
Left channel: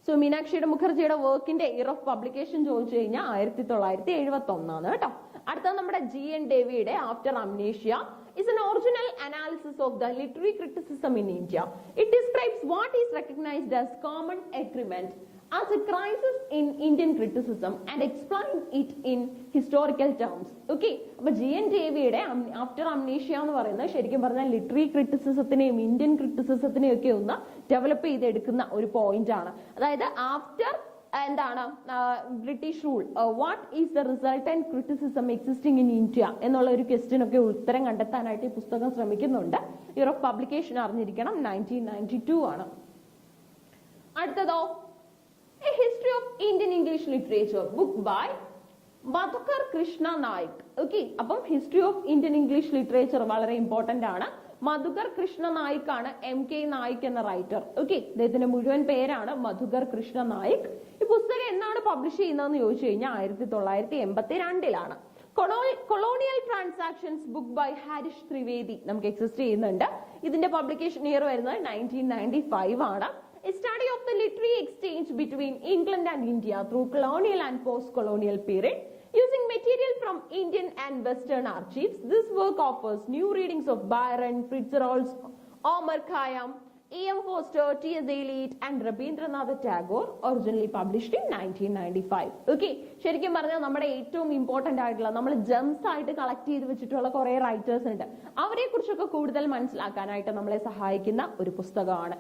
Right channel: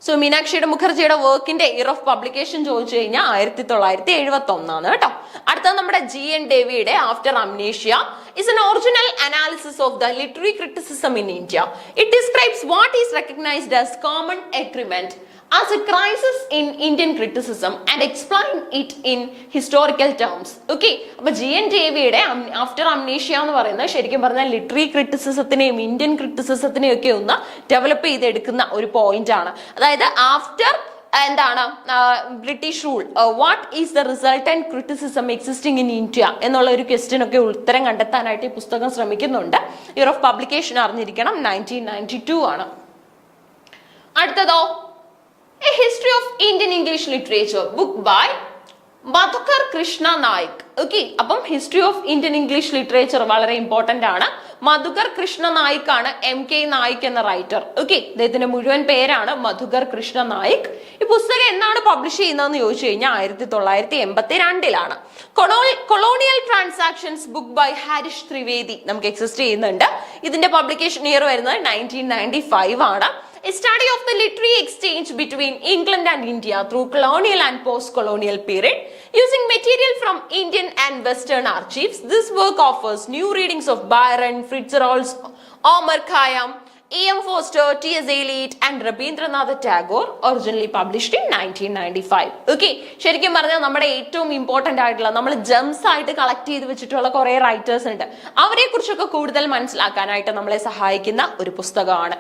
സോ മീനാക്ഷി മുഖർജിയുടെ വർക്കിന്റെ ഇയർ ഓഫ് പബ്ലിക്കേഷൻ ചോദിച്ചു കഴിഞ്ഞാൽ 1971 കേട്ടോ. അടുത്തത് നമ്മുടെ GN ഡേവിയുടെ after amnesia is an original analysis of the literary criticism in India. It describes what is recognized as common agreement as a crisis in Indian criticism and explain it in historical terms. Okay, അപ്പോൾ GN ഡേവിയുടെ after amnesia എന്ന് പറയുന്നത് ശരിക്കും പറഞ്ഞാൽ literary ക്രിറ്റിസിസത്തിനെയും Indian ക്രിറ്റിസിസത്തിനെയും ഒക്കെ ഒന്ന് develop ചെയ്തെടുക്കുന്ന ഒരു പോയിന്റ് ആണ്. അതായത് ആഫ്റ്റർ എന്താണ് British rule, what is the resultant criticism existing in India എന്നുള്ള ഒരു ക്വസ്റ്റ്യൻ ഒക്കെ ഉത്തരം കണ്ടെത്താനായിട്ട് ഈ പുസ്തകം ശ്രമിക്കുന്നുണ്ട്. ഇയർ ഓഫ് പബ്ലിക്കേഷൻ അറിഞ്ഞിരിക്കണം, 1992 ആണ്. അടുത്തതോ a history of Indian English literature, book by Madhukar Krishna Naik. Okay, അപ്പം history of Indian English literature വളരെ ഇമ്പോർട്ടന്റ് ആണ്. മധുകർ കൃഷ്ണ നായിക് ആണ് MK നായിക് എന്ന റൈറ്റർ. ഓക്കെ, അദ്ദേഹത്തിന്റെ മുഴുവൻ പേരാണ് മധുകർ കൃഷ്ണ നായിക്. ഈ പുസ്തകം എന്നാണ് പബ്ലിഷ് ചെയ്യുന്നതെന്ന് ചോദിച്ചു കഴിഞ്ഞാൽ 1982 colonial transactions, book by Harish Trivedi നമുക്ക് എക്സിസ്റ്റ് ചെയ്യുന്നുണ്ട്. ഇതിന്റെ പബ്ലിക്കേഷൻ ഇയർ വരുന്നത് 1995 ആണ്. A study of the literary exchange between England and India through colonial and post-colonial period using material from Indian and Western archives. This work offers new readings of Byron, Fitzgerald, Omar Khayyam, E.M. Forster, T.S. Eliot and Rabindranath Tagore. Originally published in 1995. Okay, ശരിക്കും പറഞ്ഞാൽ നമ്മുടെ ഏറ്റവും important ആയിട്ടുള്ള നമ്മൾ gems ആയിട്ട് collect ചെയ്ത് വെച്ചിട്ടുള്ള കുറെ റൈറ്റേഴ്സ് ഉണ്ട്. അവരെ കുറിച്ചൊക്കെ കൂടുതൽ മനസ്സിലാക്കാനായിട്ട് നമ്മളെ സഹായിക്കുന്ന ഒരു പുസ്തകമാണ്.